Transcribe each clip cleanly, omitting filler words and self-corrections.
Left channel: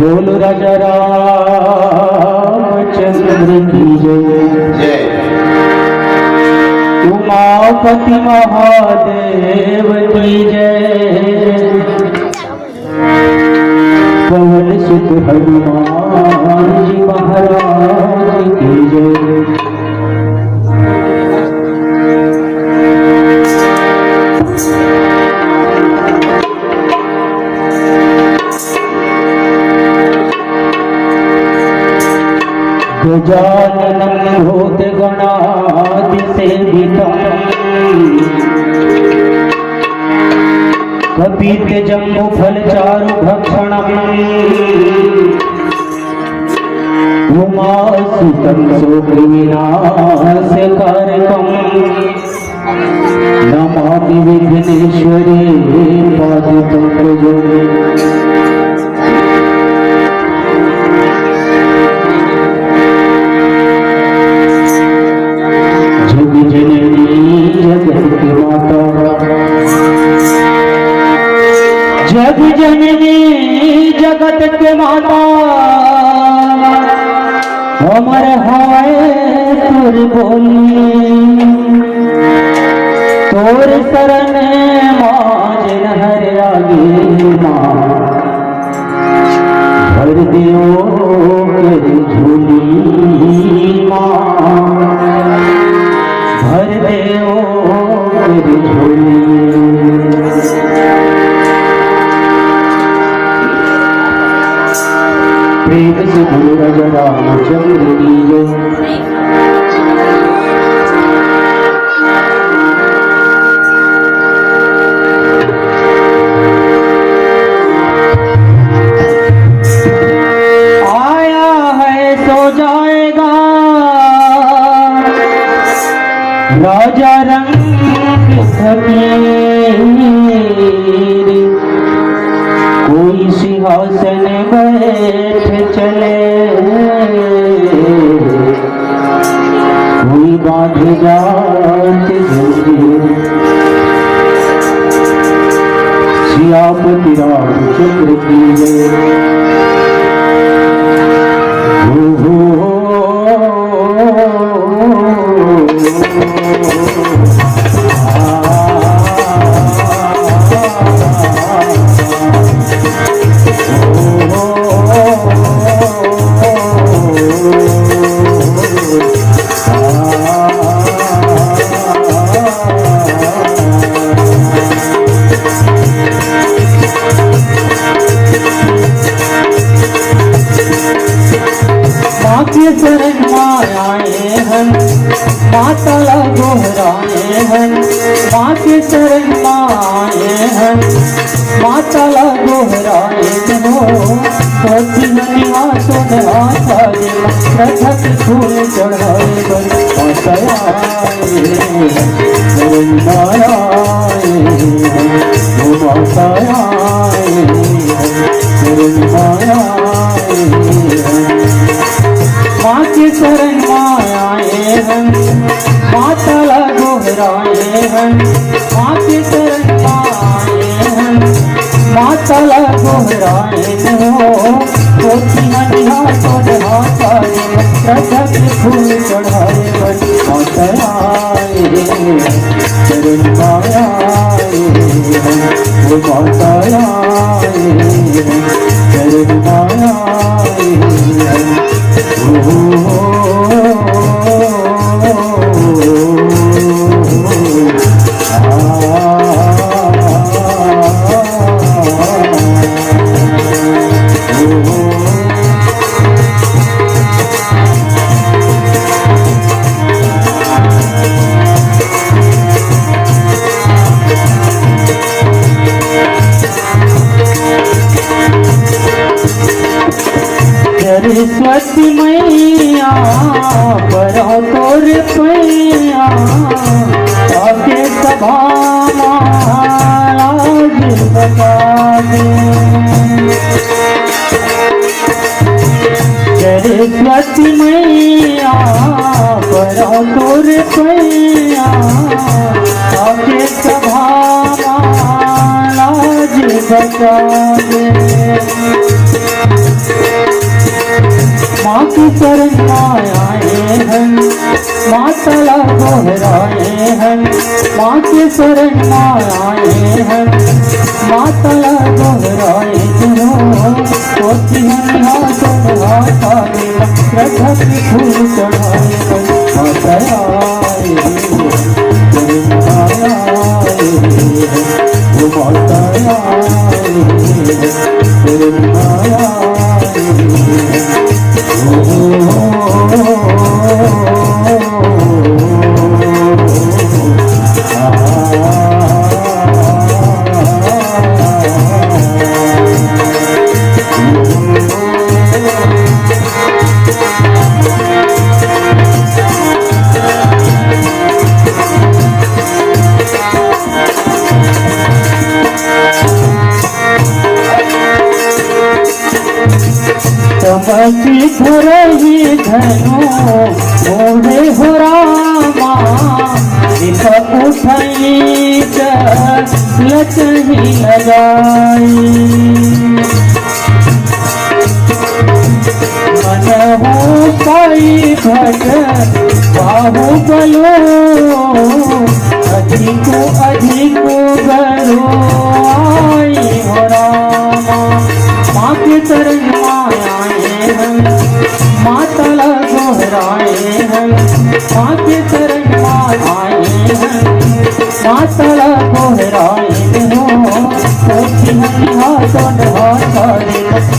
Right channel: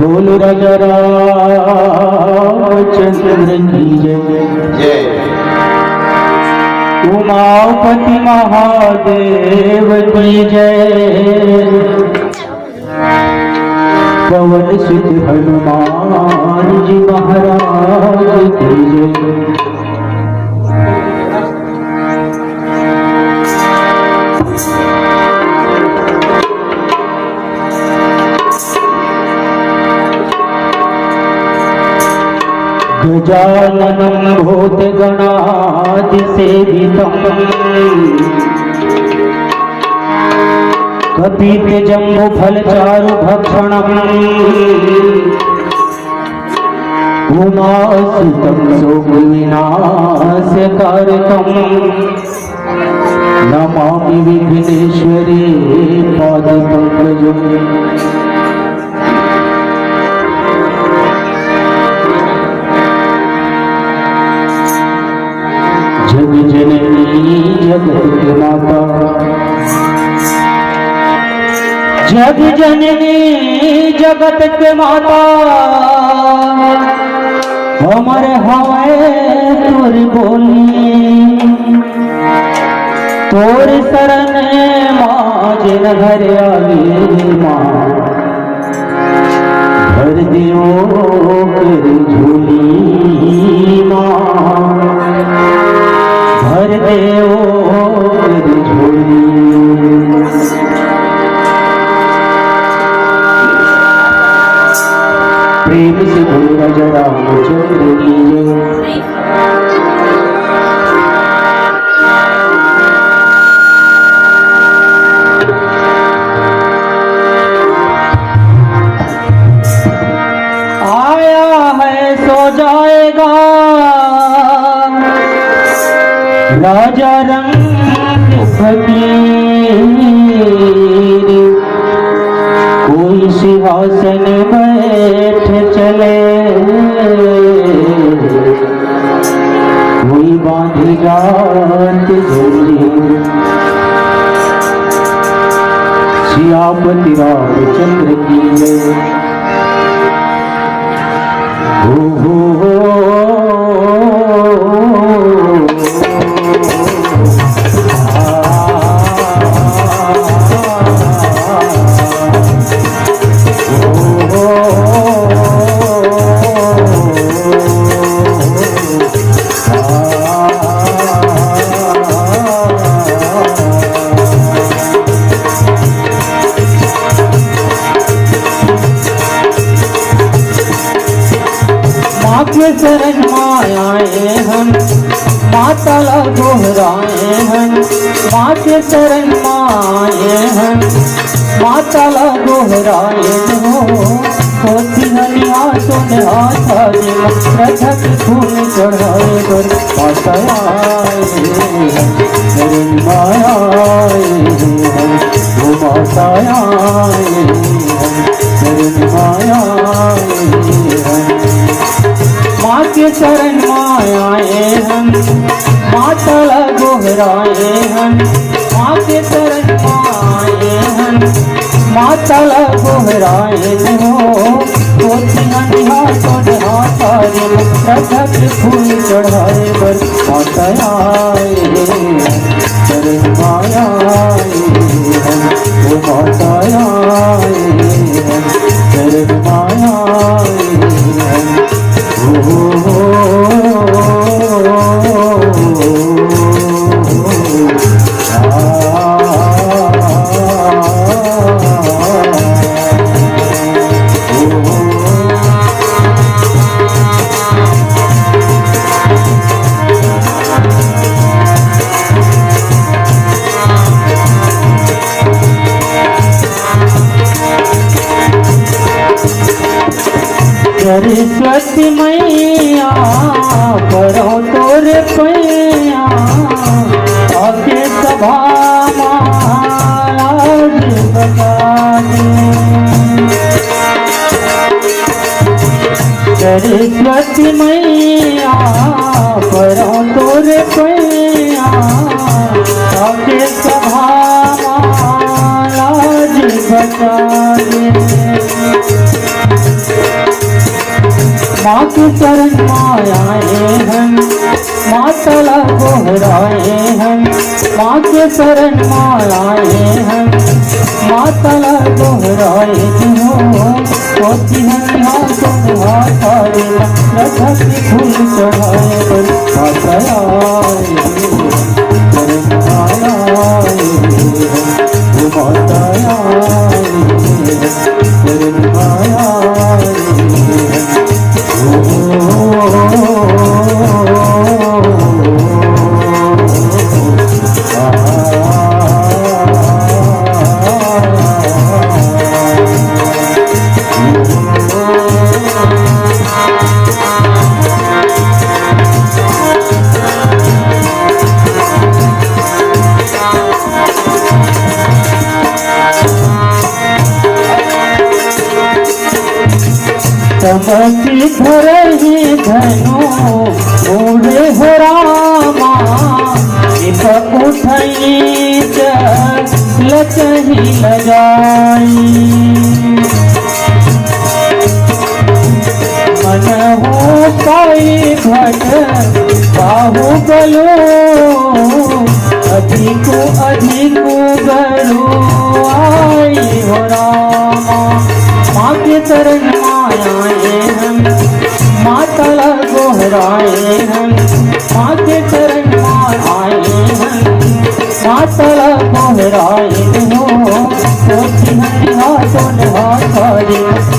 बोल राजा रामचंद्र की जय। उमापति महादेव की जय। पवन सुत हनुमान जी महाराज की जय। गजाननं भूतगणादिसेवितं कपितजम्बुफलचारुभक्षणम् उमासुतं शोकविनाशकारकं नमामि विघ्नेश्वरी पादपङ्कजम्। जग जननी जगत की माता, जग जननी जगत के माता, हमर हाय तोर बोली, तोर शरण माज हर आगे माँ, भर देवो कर झोली माँ, भर देवो कर झोली। प्रेम से बोलो राजा रामचंद्र की जय। आया है सो जाएगा राजा रंग फकीर, कोई सिंहासन बैठ चले, कोई बांधेगा जंजीर। सियापति रामचंद्र की जय। हो शरण आए हैं, माता ला दोहराए हैं, माँ के शरण आए हैं, माता ला दोहराए हो, कोटि निवासों में आता है, रथक फूल चढ़ाए पर माता आए, शरण आए वो माता आए, शरण आए माँ के शरण आए हैं, माता ला दोहराए हैं, माँ के शरण आए हैं, माता ला दोहराए हो, कोटि निवासों में आता है, रथक फूल चढ़ाए पर माता आए, शरण आए वो माता आए, शरण आए। सरस्वती मैया करो तोर पैया, आके सभाना आज बजानी। सरस्वती मैया करो तोर पैया, आके सभाना बचाए। माँ की शरण में आए हम, मातला दोहराए हम। माँ के शरण में आए हम, मातला दोहराए होती हम हाथों में हाथ रखा की फूल चढ़ाए तमसी धरही धनु मोरे हो रामा। दीपक उठई लचही लगाई। मन हो पाई घट बाहु गयो, अधिक अधिक बरो आई हो रामा। माँ के चरण आए हम, मातला दोहराए हम। माँ के चरण में आए हम, मातला दोहराए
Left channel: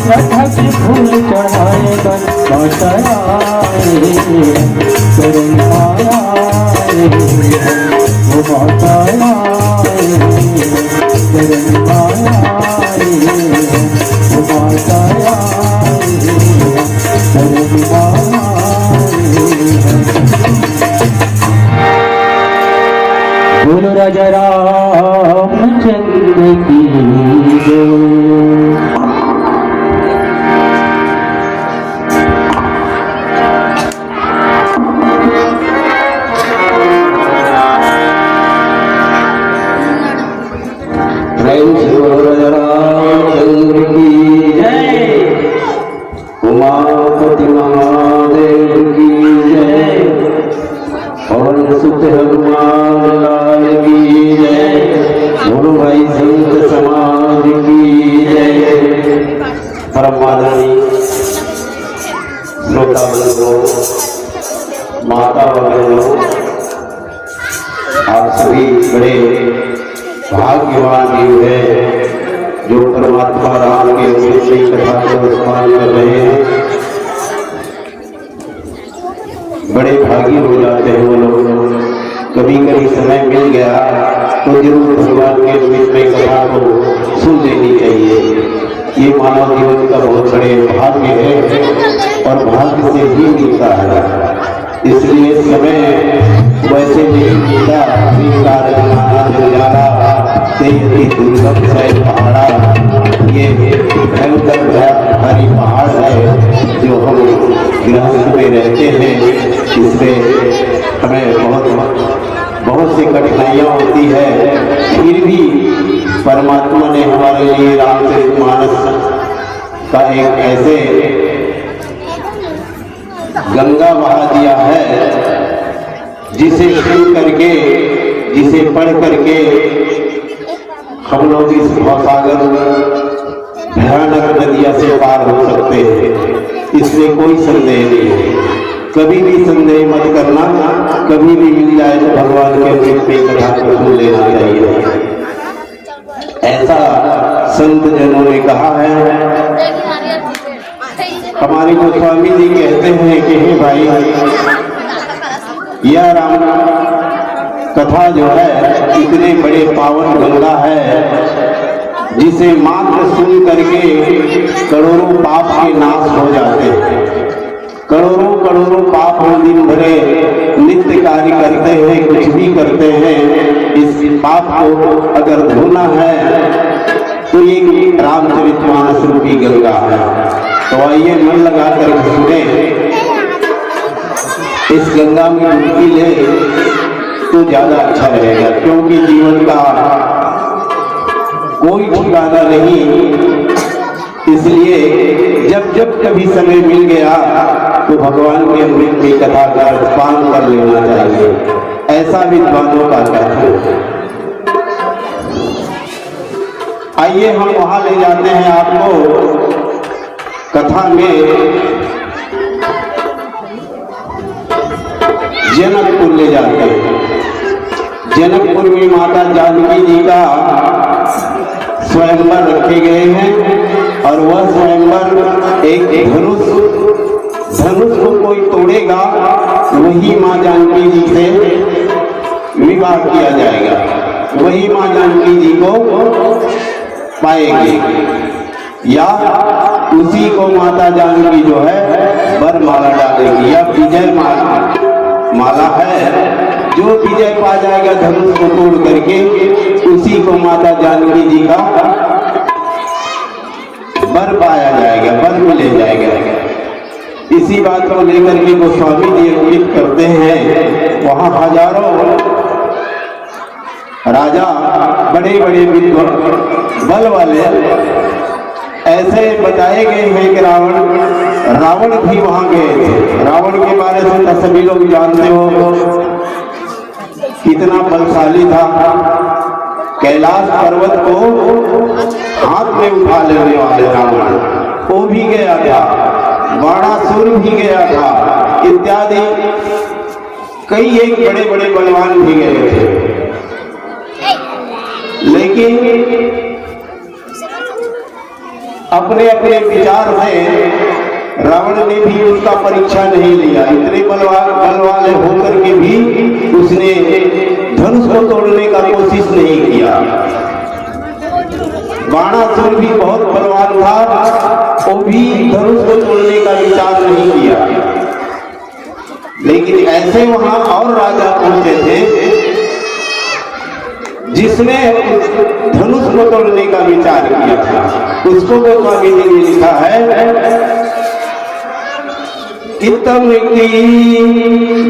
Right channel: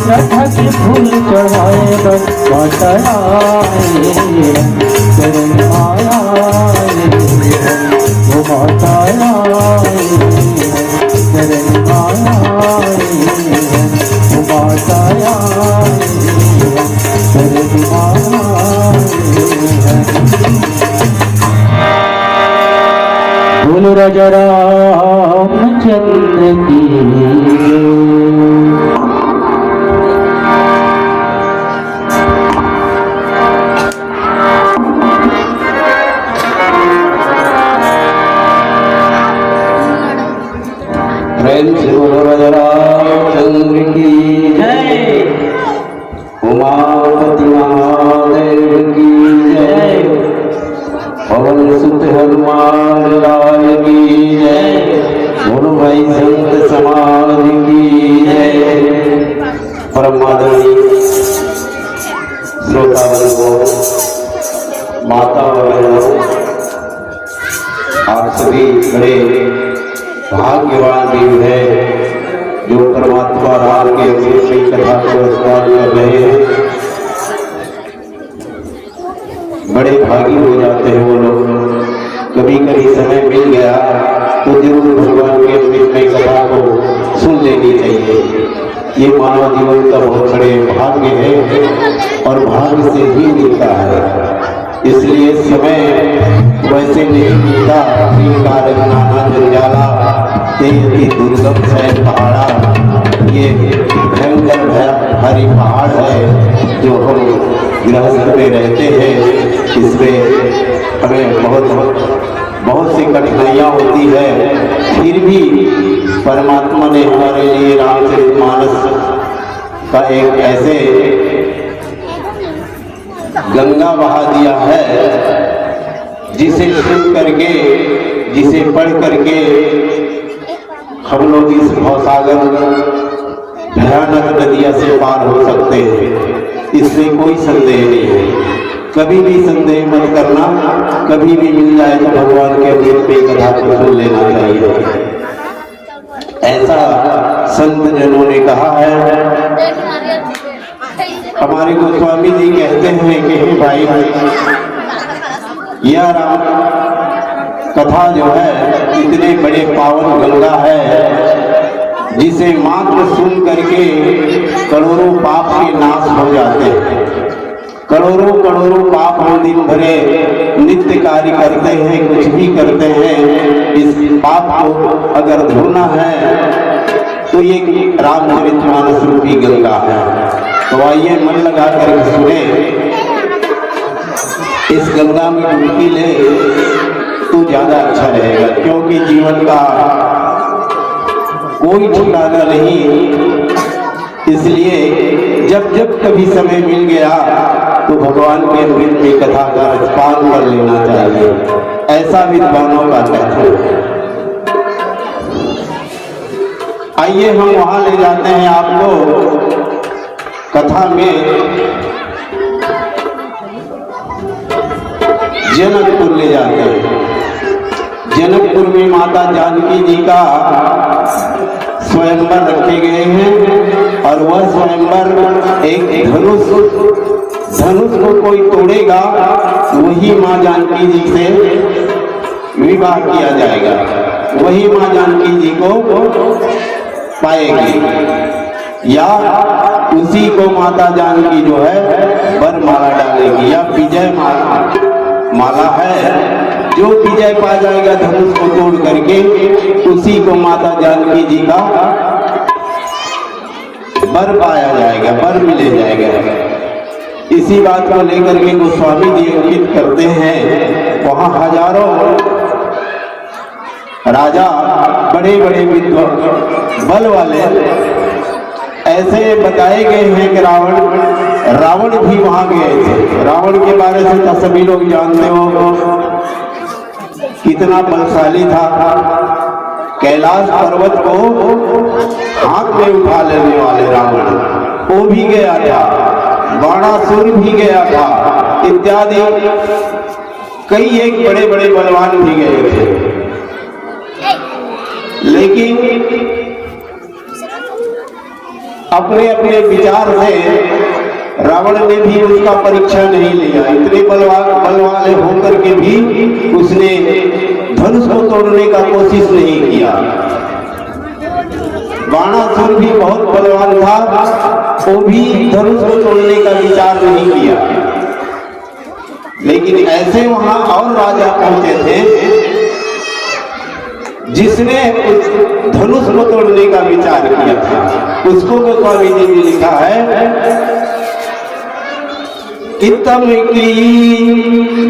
रखा की फूल चढ़ाए बताए चरण आए वो बताए चरण आए वो बताए बोलो राजा रामचंद्र की जय। प्रेम से बोलो राजा रामचंद्र की जय। उमापति महादेव की जय। पवन सुत हनुमान लाल की जय। बोलो भाई संत समाज की जय। परम आदरणीय श्रोतागण, माता वगैरह, आप सभी बड़े भाग्यवान जीव है जो परमात्मा राम के अवसर कथा के अनुष्ठान में रहे। बड़े भागी हो जाते हैं वो लोग। कभी कभी समय मिल गया तो जरूर भगवान के अवसर में कथा को सुन लेनी चाहिए। ये मानव जीवन का बहुत बड़े भाग्य है और भाग्य से ही मिलता है। इसलिए समय वैसे नहीं मिलता। दुर्गम है पहाड़ा, ये भयंकर भारी पहाड़ है जो हम गृहस्थ में रहते हैं। इसमें हमें बहुत सी कठिनाइयाँ होती है। फिर भी परमात्मा ने हमारे लिए रामचरितमानस का एक ऐसे गंगा बहा दिया है जिसे सुन करके, जिसे पढ़ करके हम लोग इस भवसागर भयानक नदिया से पार हो सकते हैं। इसमें कोई संदेह नहीं है। कभी भी संदेह मत करना। कभी भी मिल जाए तो भगवान के रूप में कथा को सुन लेना चाहिए। ऐसा संत जनों ने कहा है। हमारे गोस्वामी जी कहते हैं कि हे भाई, यह राम कथा जो है इतने बड़े पावन गंगा है जिसे मात्र सुन करके करोड़ों पाप के नाश हो जाते हैं। करोड़ों करोड़ों पाप हम दिन भरे नित्य कार्य करते हैं, कुछ भी करते हैं। इस पाप को अगर धोना है तो ये रामचरितमानस रूपी गंगा है। तो आइए मन लगा कर सुने, इस गंगा में डुबकी ले तो ज्यादा अच्छा रहेगा। क्योंकि जीवन का कोई ठिकाना नहीं। इसलिए जब जब कभी समय मिल गया तो भगवान के अमृत की कथा का पान कर लेना चाहिए, ऐसा विद्वानों का कहना है। आइए हम वहां ले जाते हैं आपको कथा में। जनकपुर ले जाते हैं। जनकपुर में माता जानकी जी का स्वयंवर रखे गए हैं और वह स्वयंवर एक धनुष को कोई तोड़ेगा वही मां जानकी जी से विवाह किया जाएगा, वही मां जानकी जी को पाएगी या उसी को माता जानकी जो है वरमाला डालेगी, या विजय माला है जो विजय पा जाएगा धनुष को तोड़ करके उसी को माता जानकी जी का वर पाया जाएगा, वर मिले जाएगा। इसी बात को लेकर के गोस्वामी जी अंकित करते हैं। वहां हजारों राजा बड़े बड़े विद्वान बल वाले ऐसे बताए गए हैं कि रावण भी वहां गए थे। रावण के बारे में तो सभी लोग जानते हो कितना बलशाली था। कैलाश पर्वत को हाथ में उठा लेने वाले रावण वो भी गया था, बाणासुर भी गया था, इत्यादि कई एक बड़े बड़े बलवान भी गए थे। लेकिन अपने अपने विचार से रावण ने भी उसका परीक्षा नहीं लिया। इतने बल वाले होकर के भी उसने धनुष को तोड़ने का कोशिश नहीं किया। बाणासुर भी बहुत बलवान था, वो भी धनुष को तोड़ने का विचार नहीं किया। लेकिन ऐसे वहां और राजा पहुंचे थे जिसने धनुष को तोड़ने का विचार किया था। उसको गोस्वामी जी ने लिखा है कि तम की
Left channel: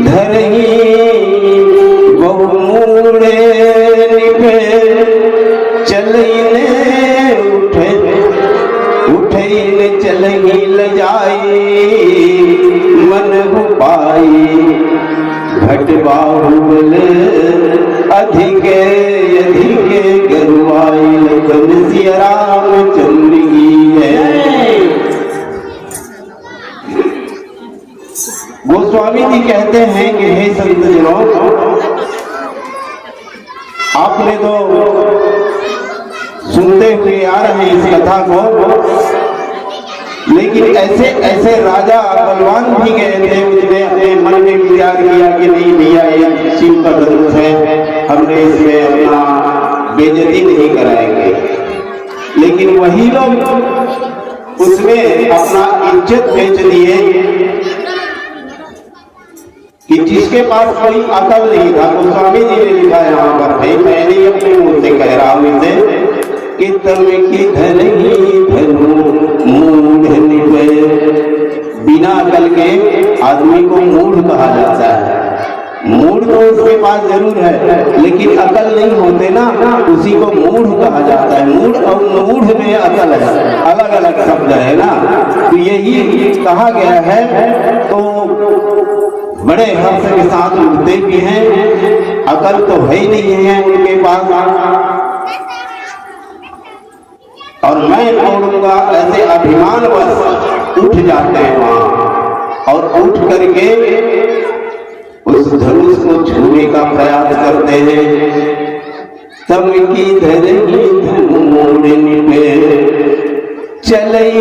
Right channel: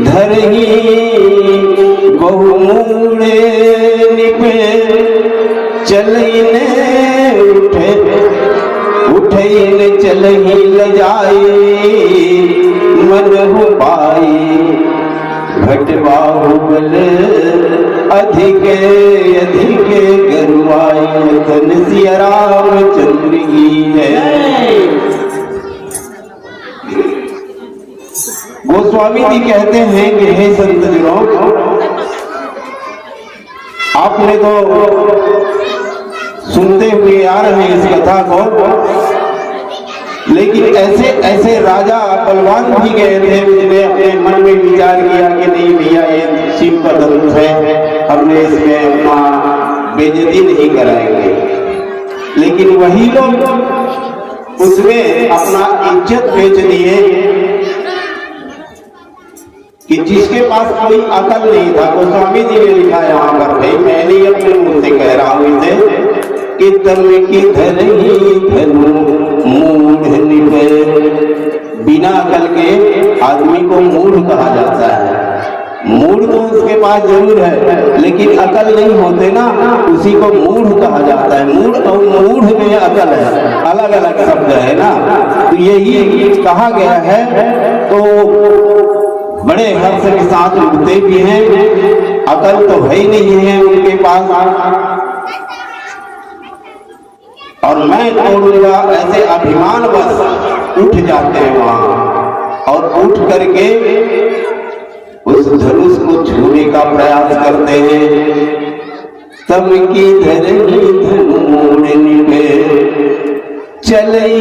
धरही बहुमूड़े निपे चलने उठे चलही लजाई मन हो पाई भट बाहुबल अधिक गरुआई धन सिया रामचंद्र की है। गोस्वामी जी कहते हैं कि हे संत जनों, आपने तो सुनते हुए आ रहे हैं इस कथा को, लेकिन ऐसे ऐसे राजा बलवान भी गए थे जिन्हें अपने मन में विचार किया कि नहीं भैया ये शिव का धनुष है, हमने इसमें अपना बेइज्जती नहीं कराएंगे। लेकिन वही लोग उसमें अपना इज्जत बेच दिए कि जिसके पास कोई अकल नहीं था। गोस्वामी जी ने लिखा यहाँ पर, भाई मैंने अपने मुंह से कह रहा हूं इसे कि तम की धरही धनु मूढ़ निपे। बिना अकल के आदमी को मूढ़ कहा जाता है। मूढ़ तो उसके पास जरूर है, लेकिन अकल नहीं होते ना, उसी को मूढ़ कहा जाता है। मूढ़ और मूढ़ में अकल है, अलग अलग शब्द है ना। तो यही कहा गया है। तो बड़े हर्ष के साथ उठते भी हैं, अकल तो है ही नहीं है उनके पास। और मैं तोड़ूंगा ऐसे अभिमान बस उठ जाते हैं वहां और उठ करके उस धनुष को छूने का प्रयास करते हैं। तम की धरही धनु मोड़ निपे चलई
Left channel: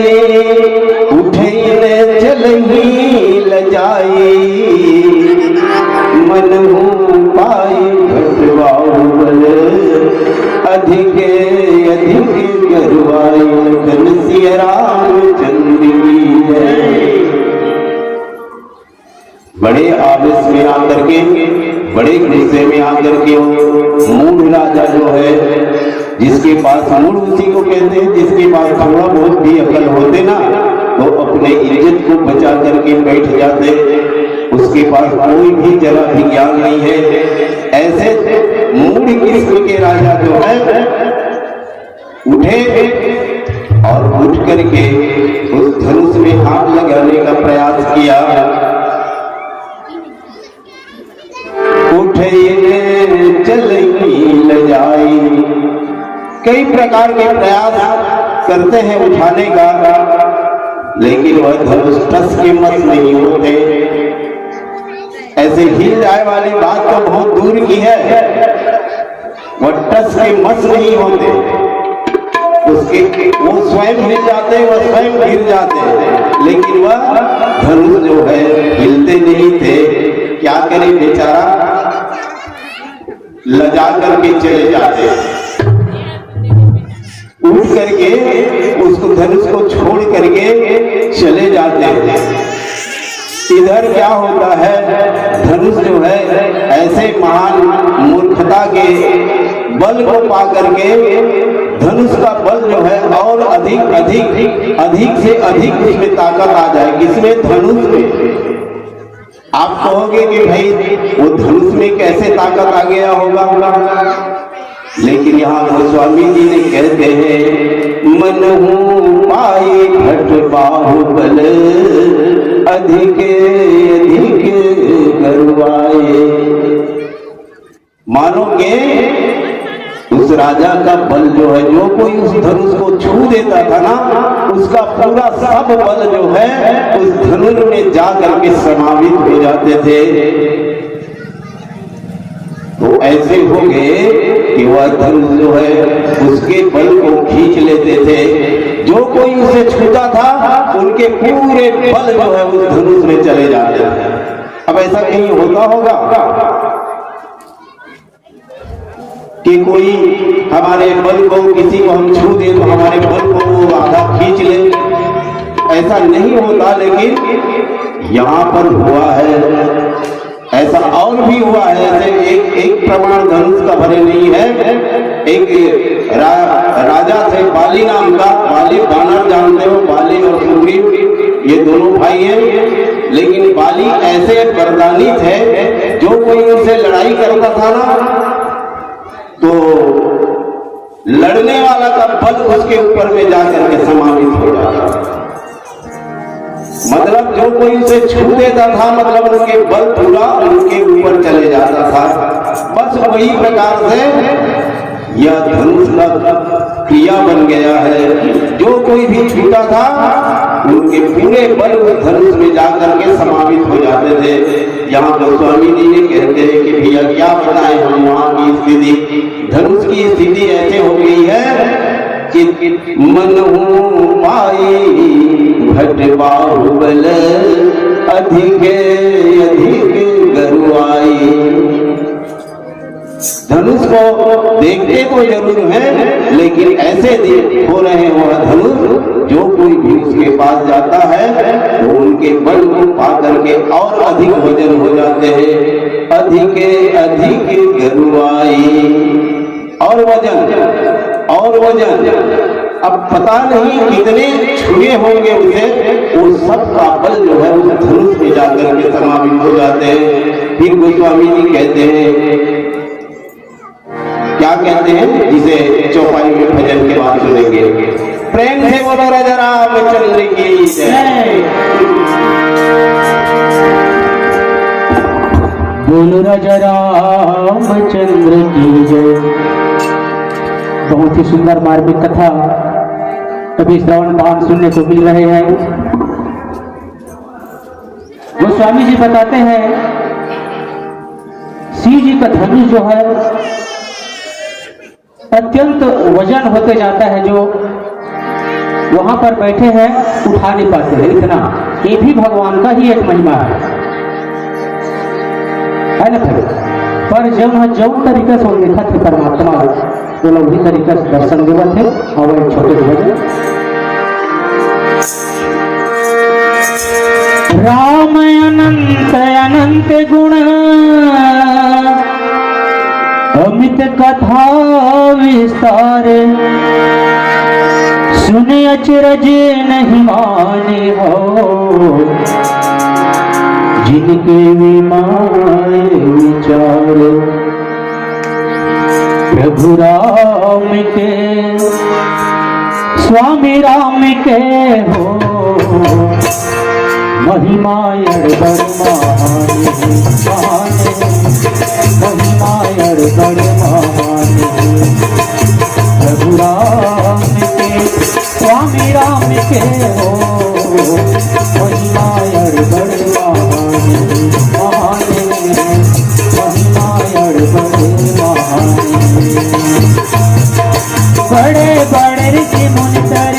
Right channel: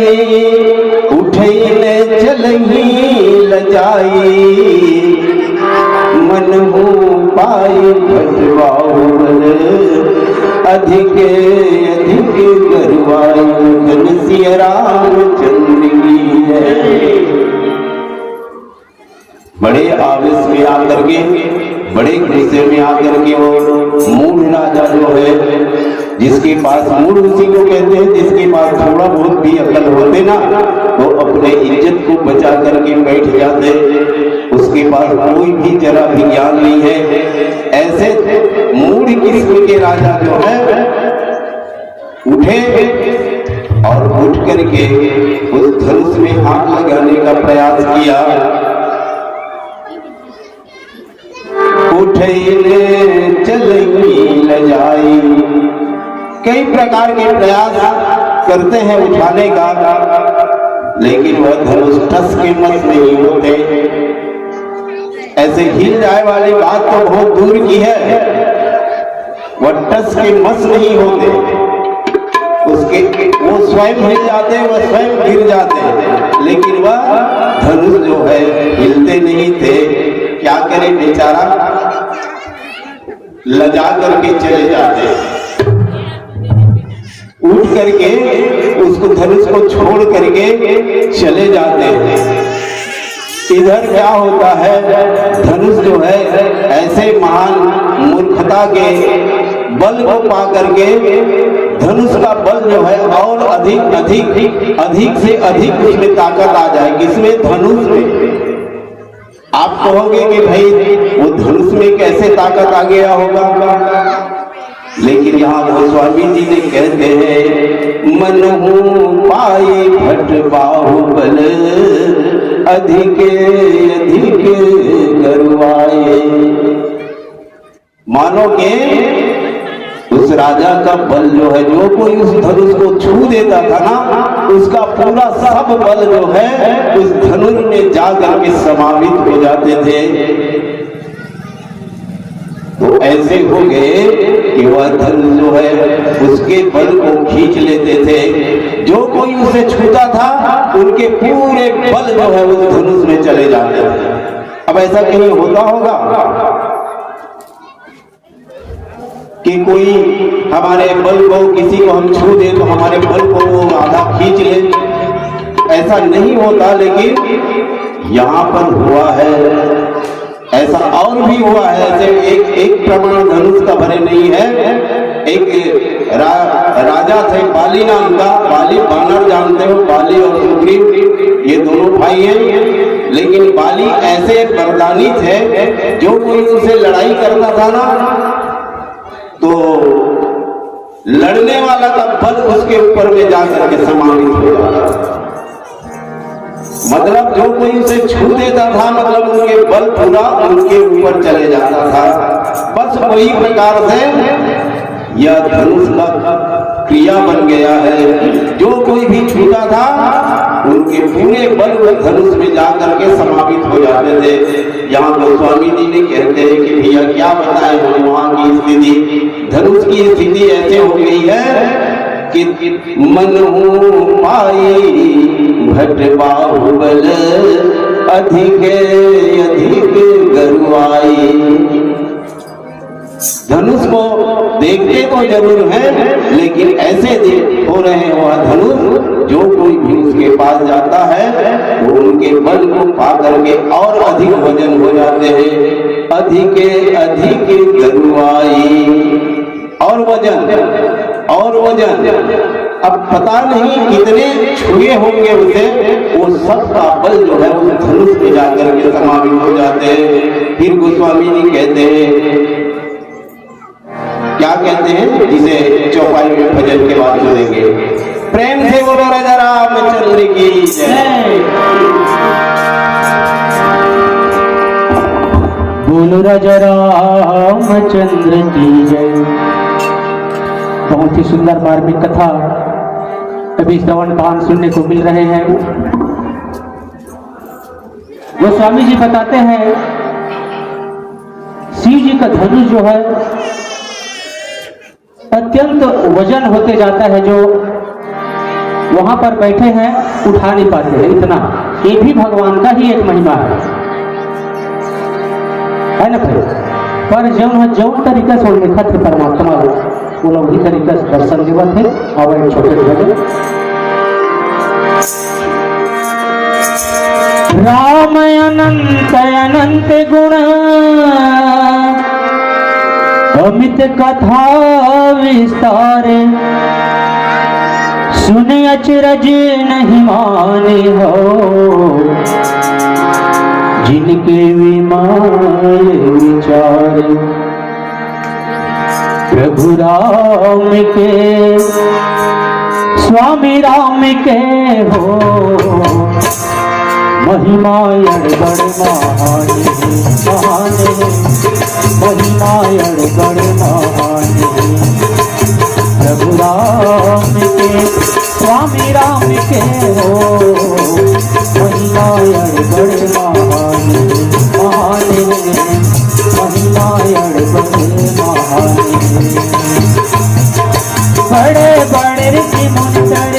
उठैले चलही लजाई मन हो पाई भट बाहुबल अधिक गरुआई धन सिया रामचंद्र की है। बड़े आवेश में आकर के, बड़े गुस्से में आकर के वो मूढ़ राजा जो है, जिसके पास मूढ़ उसी को कहते हैं जिसके पास थोड़ा बहुत भी अकल होते ना, वो अपने इज्जत को बचा करके बैठ जाते, उसके पास कोई भी जरा भी ज्ञान नहीं है। ऐसे मूढ़ किस्म के राजा जो है उठे और उठ करके उस धनुष में हाथ लगाने का प्रयास किया। उठे चलेंगी लजाई, कई प्रकार के प्रयास करते हैं उठाने का, लेकिन वह धनुष टस के मत नहीं होते। ऐसे हिल जाए वाली बात तो बहुत दूर की है, वह टस के मस नहीं होते, उसके वो स्वयं हिल जाते, वह स्वयं गिर जाते, लेकिन वह धनुष जो है हिलते नहीं थे। क्या करे बेचारा, लजा करके चले जाते, उठ करके उसको धनुष को छोड़ करके चले जाते हैं। इधर क्या होता है, धनुष जो है ऐसे महान मूर्खता के बल को पा करके धनुष का बल जो है और अधिक अधिक अधिक से अधिक उसमें ताकत आ जाएगी। इसमें धनुष में आप कहोगे कि भाई वो धनुष में कैसे ताकत आ गया होगा, लेकिन यहाँ गोस्वामी जी ने कहते हैं, मन हूँ पाई भट बाहुबल अधिक अधिक करवाए। मानोगे उस राजा का बल जो है, जो कोई उस धनुष को छू देता था ना, उसका पूरा सब बल जो है उस धनुष में जा करके समावित हो जाते थे। तो ऐसे हो गए कि वह धनुष जो है उसके बल को खींच लेते थे। जो कोई उसे छूता था उनके पूरे बल जो है उस धनुष में चले जाते थे। अब ऐसा कहीं होता होगा कि कोई हमारे बल को, किसी को हम छू दे तो हमारे बल को वो आधा खींच ले, ऐसा नहीं होता। लेकिन यहाँ पर हुआ है ऐसा, और भी हुआ है। जैसे एक प्रमाण धनुष का भरे नहीं है। एक राजा थे बाली नाम का, बाली बानर जानते हो, बाली और सुग्रीव ये दोनों भाई हैं। लेकिन बाली ऐसे वरदानी थे, जो कोई उनसे लड़ाई करता था ना तो लड़ने वाला का बल उसके ऊपर में जाकर के समावित हो जाता था। मतलब जो कोई उसे छू देता था, मतलब उनके बल पूरा उनके ऊपर चले जाता था। बस वही प्रकार से यह धनुष का क्रिया बन गया है। जो कोई भी छूता था उनके पूरे बल धनुष में जाकर के समावित हो जाते थे। यहाँ गोस्वामी जी ने कहते हैं कि भैया क्या बताएं हम वहाँ की स्थिति, धनुष की स्थिति ऐसे हो गई है कि मन हूँ पाई भट बाहुबल अधिक अधिक गरुआई। धनुष को देखते तो जरूर है, लेकिन ऐसे हो रहे हैं वह धनुष, जो कोई भी उसके पास जाता है वो उनके बल को पा करके और अधिक वजन हो जाते हैं। अधिक अधिक गरुआई, और वजन अब पता नहीं कितने छुए होंगे उसे, वो सब का बल जो है उस धनुष में जाकर के समावित हो जाते हैं। फिर गोस्वामी जी कहते हैं, क्या कहते हैं, जिसे चौपाई में भजन के बाद सुनेंगे। प्रेम से बोलो राजा रामचंद्र की जय। बोलो राजा रामचंद्र की जय। बहुत ही सुंदर मार्मिक कथा अभी श्रवण पान सुनने को मिल रहे हैं। गोस्वामी जी बताते हैं, शिव जी का धनुष जो है अत्यंत वजन होते जाता है, जो वहां पर बैठे हैं उठा नहीं पाते हैं इतना। ये भी भगवान का ही एक महिमा है ना भाई। पर जो तरीका से लिखा थे परमात्मा वो उसी तरीका से दर्शन देवत थे। और एक छोटे भजन, राम अनंत अनंत गुण अमित कथा विस्तार, सुने अचरज नहीं माने हो, जिनके विमाए विचार। प्रभु राम के स्वामी राम के हो महिमा बड़ महान महिमा बड़ महान प्रभु राम के स्वामी राम के हो महिमा बड़ महान महिमा बड़ महान बड़े बड़े ऋषि मुनि कर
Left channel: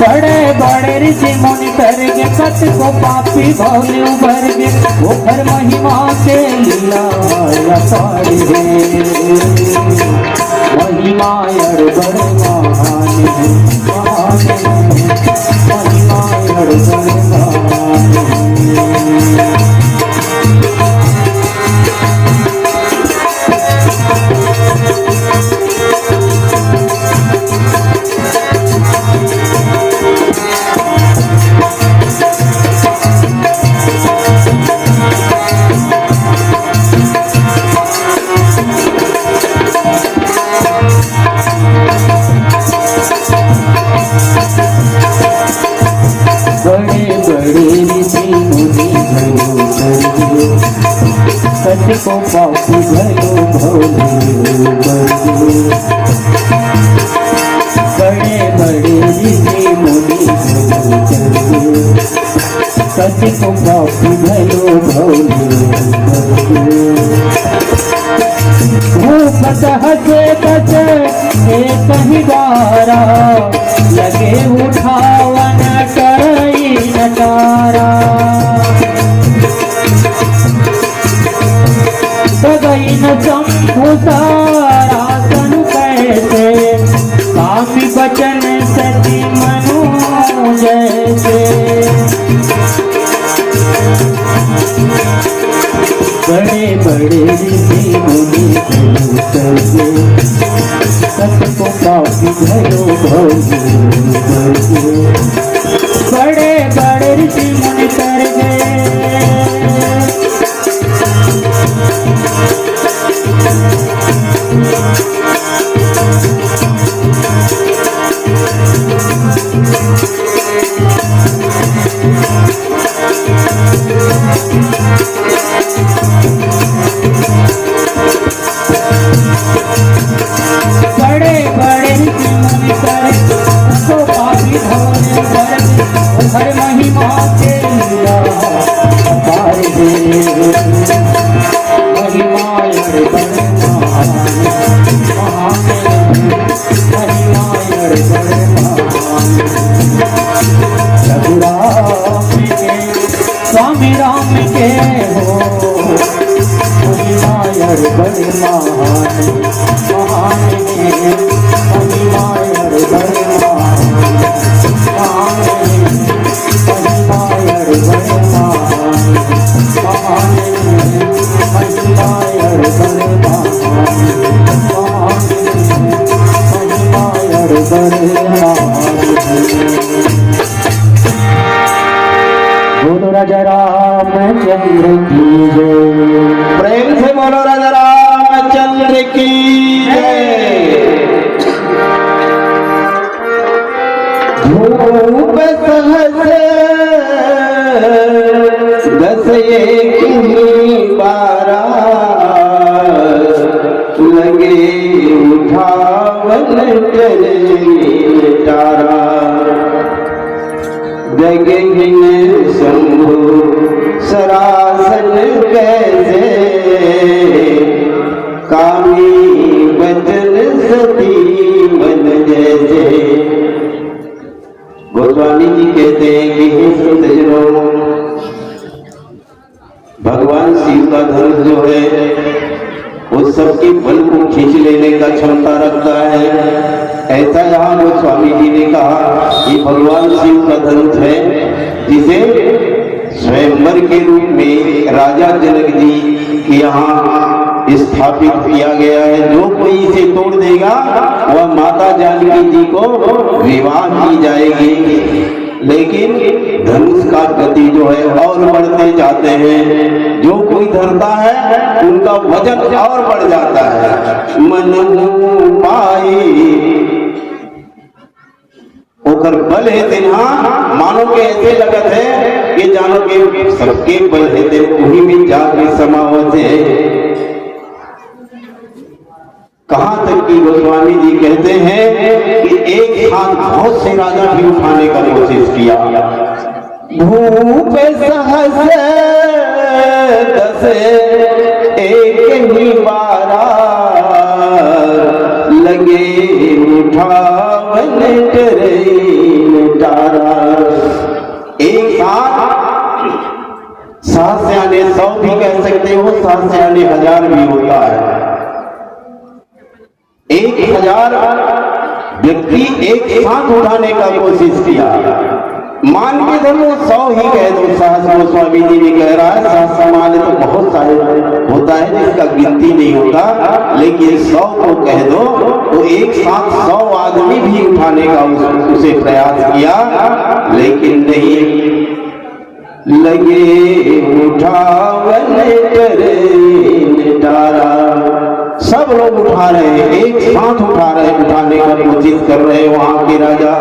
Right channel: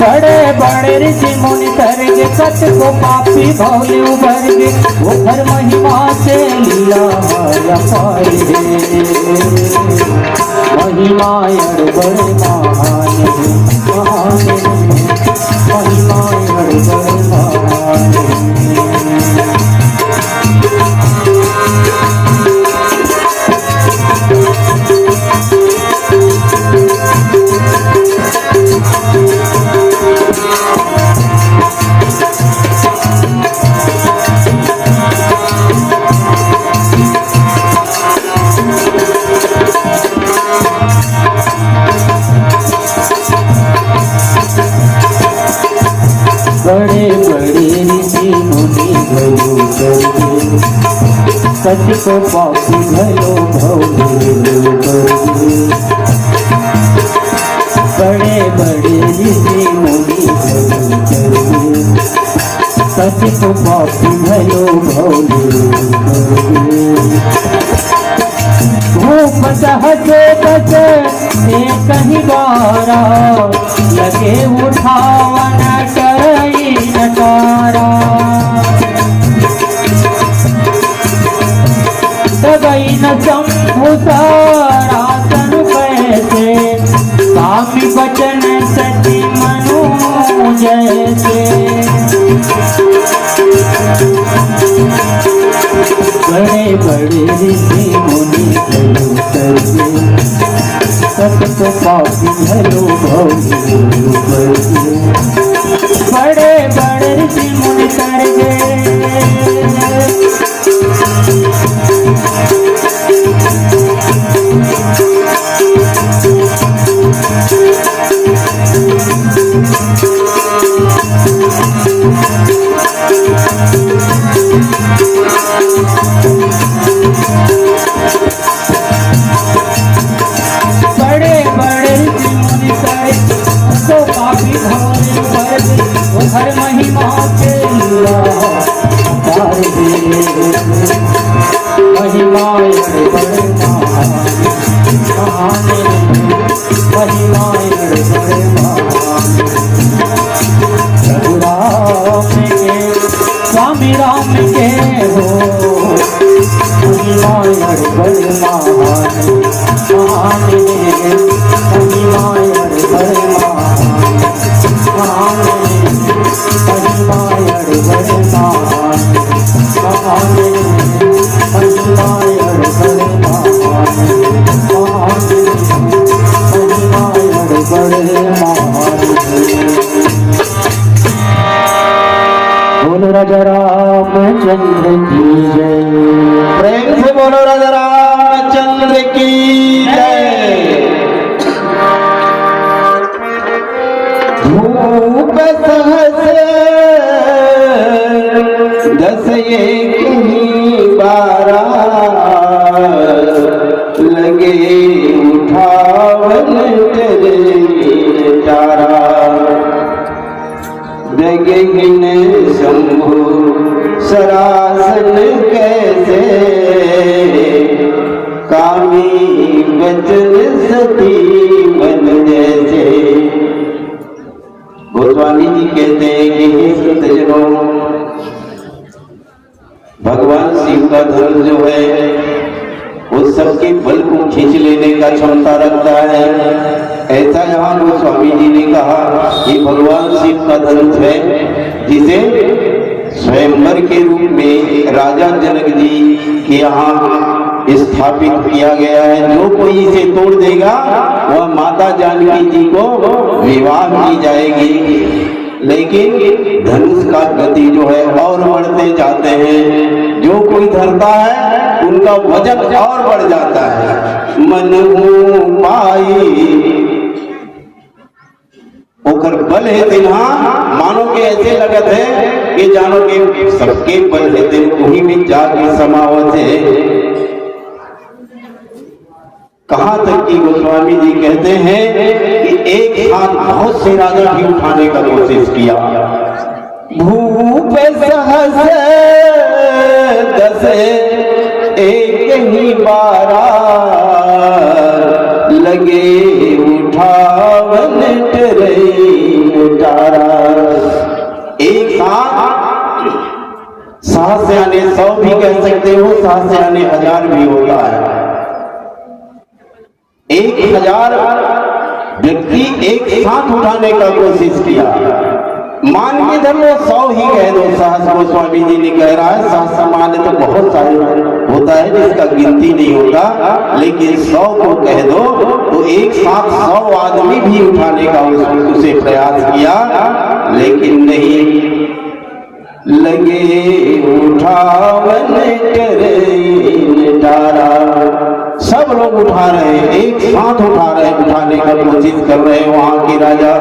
बड़े बड़े ऋषि मुनि करके सत को पापी भौले उभर गे वो हर महिमा से लीला अपार है महिमा बड़ महान महिमा बड़ महान सच को पापी भयो भौले बड़े बड़े ऋषि मुनि सच को पापी भयो भौले धूप सहसे बस एक ही बारा लगे उठावन कई नटारा न शंभु सारासन पैसे स्वामी बचन सची मनु जैसे बड़े बड़े ऋषि मुनि करके सबको पापी भयो भौले बड़े बड़े ऋषि मुनि करके बड़े बड़े मुनि करे तो पापी भवने भर हर महिमा के अपार महिमा स्वामी राम के हो महिमा बड़ बोलो राजा रामचंद्र की जय प्रेम से बोलो राजा रामचंद्र की जय धूप सहसे दस एक ही बारा लगे उठावन तारा जगहिन शंभु सरासन कैसे कामी बचन सती मन जैसे। गोस्वामी जी कहते हैं कि हे सज्जनों, भगवान शिव का धनुष जो है वो सबके बल को खींच लेने का क्षमता रखता है। ऐसा यहाँ गोस्वामी जी ने कहा कि भगवान शिव का धनुष है जिसे स्वयंवर के रूप में राजा जनक जी के यहाँ स्थापित किया गया है। जो कोई इसे तोड़ देगा वह माता जानकी जी को विवाह की जाएगी, लेकिन धनुष का गति जो है और बढ़ते जाते हैं। जो कोई धरता है उनका वजन और बढ़ जाता है। मन पाई ओकर बल है तिन्हा, मानो के ऐसे लगत है कि जानो के सबके बल है दिन वही भी जाके समावत है। कहां तक कि गोस्वामी जी कहते हैं कि एक हाथ बहुत से राजा भी उठाने का कोशिश किया। भूप सहस दस एक ही बारा लगे उठावन ट्रेन तारा। एक हाथ सहस यानी 100 भी कह सकते हो, सहस यानी 1000 भी होता है। 1000 व्यक्ति एक साथ उठाने का कोशिश किया। मान के धर्मो 100 ही कह दो। सहस गोस्वामी जी ने कह रहा है सहस सामान्य तो बहुत सारे होता है जिसका गिनती नहीं होता, लेकिन 100 को कह दो तो एक साथ 100 आदमी भी उठाने का उसे प्रयास किया, लेकिन नहीं। लगे उठावन ट्रेन तारा, सब लोग उठा रहे हैं, एक साथ उठा रहे, उठाने का कोशिश कर रहे हैं वहां के राजा,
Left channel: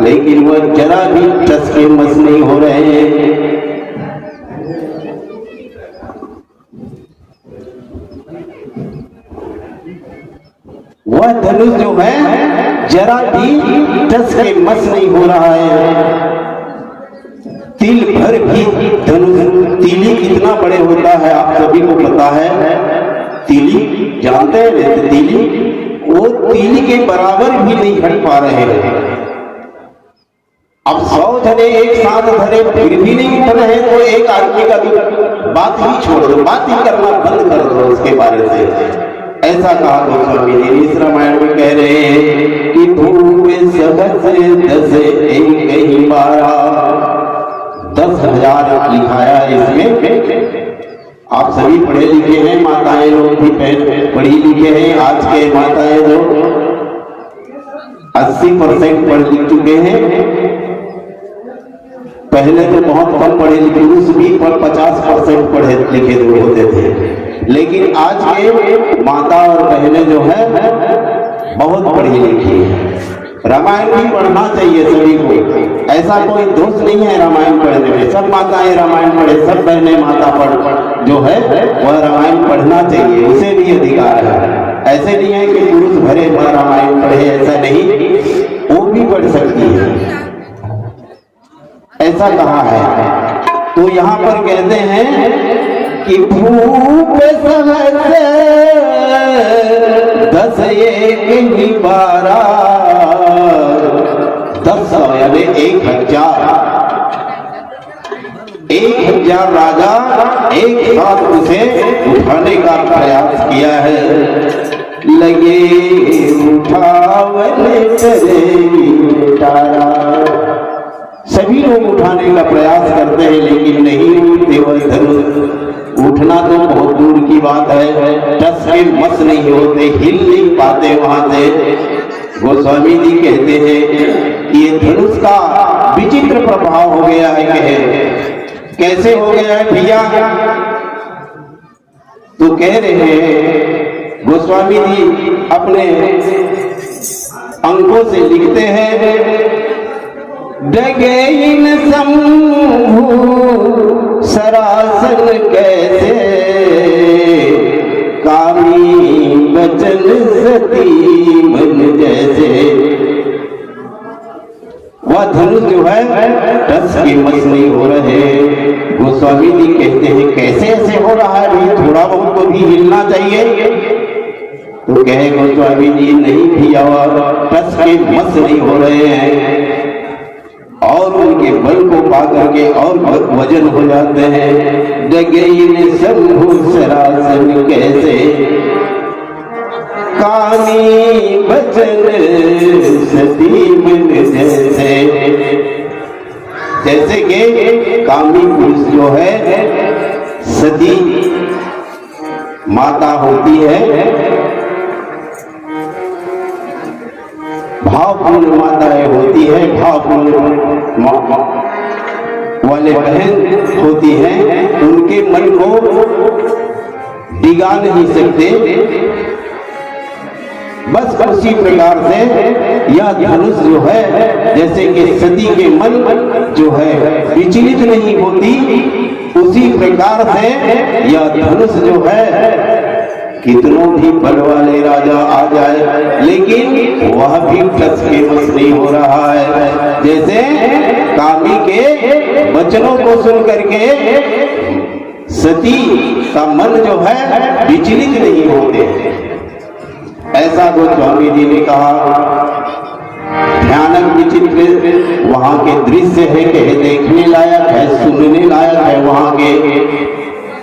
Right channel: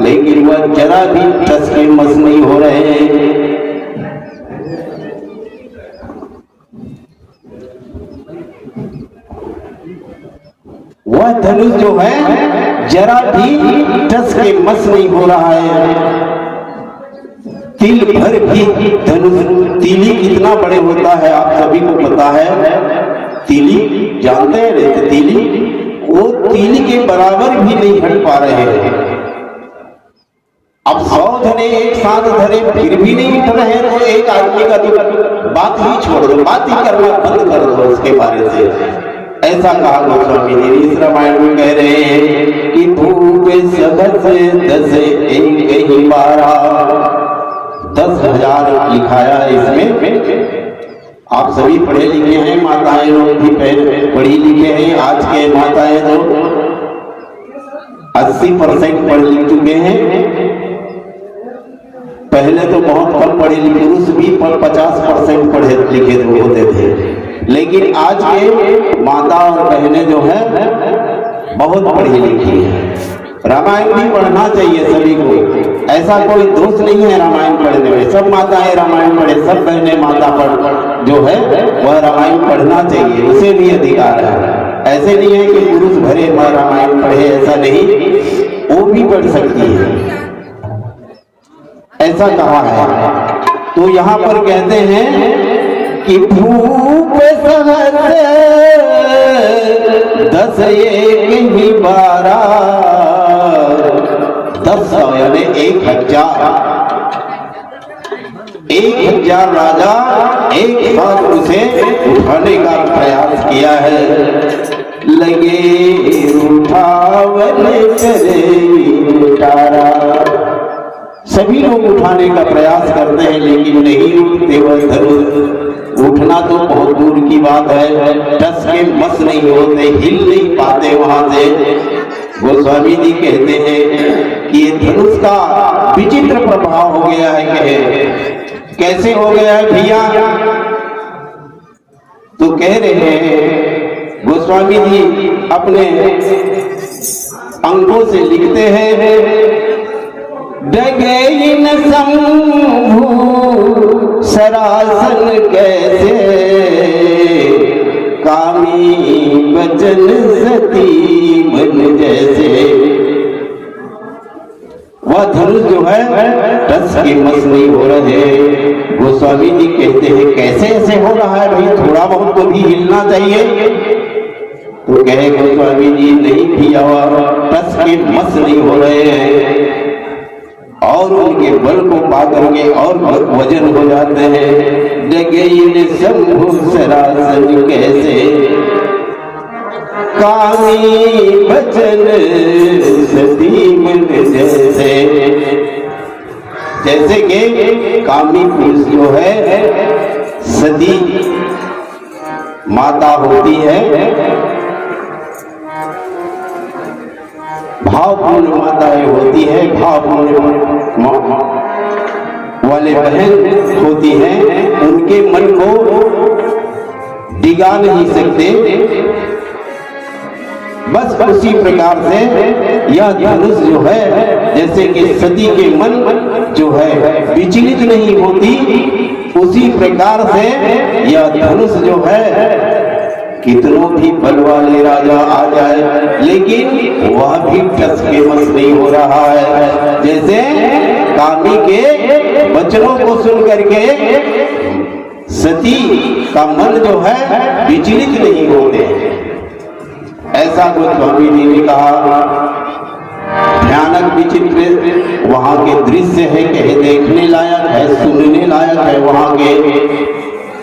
लेकिन वह जरा भी टस के मस नहीं हो रहे हैं। वह धनुष जो है जरा भी टस के मस नहीं हो रहा है। तिल भर भी धनुष, तीली कितना बड़े होता है आप सभी को पता है। तीली जानते हैं, तीली वो तीली के बराबर भी नहीं हट पा रहे हैं। अब 100 धने एक साथ धरे फिर भी नहीं उठ रहे, तो एक आदमी का तो बात ही छोड़ दो, बात ही करना बंद कर दो उसके बारे से। ऐसा कहा गोस्वामी जी इस रामायण में कह रहे हैं कि भूप सहस दस एक ही बारा। 10,000 लिखाया इसमें। आप सभी पढ़े लिखे हैं, माताएं लोग भी पढ़ी लिखे हैं। आज के माताएं लोग 80% पढ़ लिख चुके हैं। पहले तो बहुत कम पढ़े लिखे, पुरुष भी 50% पढ़े लिखे होते थे, लेकिन आज के माता और बहनें जो है बहुत पढ़ी लिखी है। रामायण भी पढ़ना चाहिए सभी को, ऐसा कोई दोष नहीं है रामायण पढ़ने में। सब माताएं रामायण पढ़े, सब बहनें माता पढ़ जो है वह रामायण पढ़ना चाहिए, उसे भी अधिकार है। ऐसे नहीं है कि पुरुष भरे भर रामायण पढ़े, ऐसा नहीं, वो भी पढ़ सकती है, ऐसा कहा है। तो यहाँ पर कहते हैं कि भूप सहस दस एक ही बारा। 10 यानी 1000 राजा एक साथ उसे उठाने का प्रयास किया है। लगे उठावन ट्रेन तारा, सभी लोग उठाने का प्रयास करते हैं, लेकिन नहीं उठते। वह धनुष उठना तो बहुत दूर की बात है, टस के मस नहीं होते, हिल नहीं पाते वहां से। गोस्वामी जी कहते हैं कि ये धनुष का विचित्र प्रभाव हो गया है। कहे कैसे हो गया है भैया? तो कह रहे हैं गोस्वामी जी अपने अंकों से लिखते हैं, डगेइन शंभु सरासन कैसे, कामी बचन सती मन जैसे। वह धनुष जो है टस के मस नहीं हो रहे। गोस्वामी जी कहते हैं कैसे ऐसे हो रहा है भाई, थोड़ा बहुत तो भी हिलना चाहिए। तो कहे गोस्वामी जी नहीं भैया, टस के मस नहीं हो रहे हैं, और उनके बल को पा करके और वजन हो जाते हैं। डगेइन शंभु सरासन कैसे, कामी बचन सती मन जैसे। जैसे कि कामी पुरुष जो है सती माता होती है, भाव भावपूर्ण माताएं होती है, भावपूर्ण वाले बहन होती हैं, उनके मन को डिगा नहीं सकते। बस उसी प्रकार से यह धनुष जो है, जैसे कि सती के मन जो है विचलित नहीं होती, उसी प्रकार से यह धनुष जो है कितनों भी बल वाले राजा आ जाए, लेकिन वह भी कस के वश नहीं हो रहा है। जैसे कामी के वचनों को सुन करके सती का मन जो है विचलित नहीं होते। ऐसा गोस्वामी जी ने कहा। भयानक विचित्र वहां के दृश्य है कि देखने लायक है, सुनने लायक है वहां के।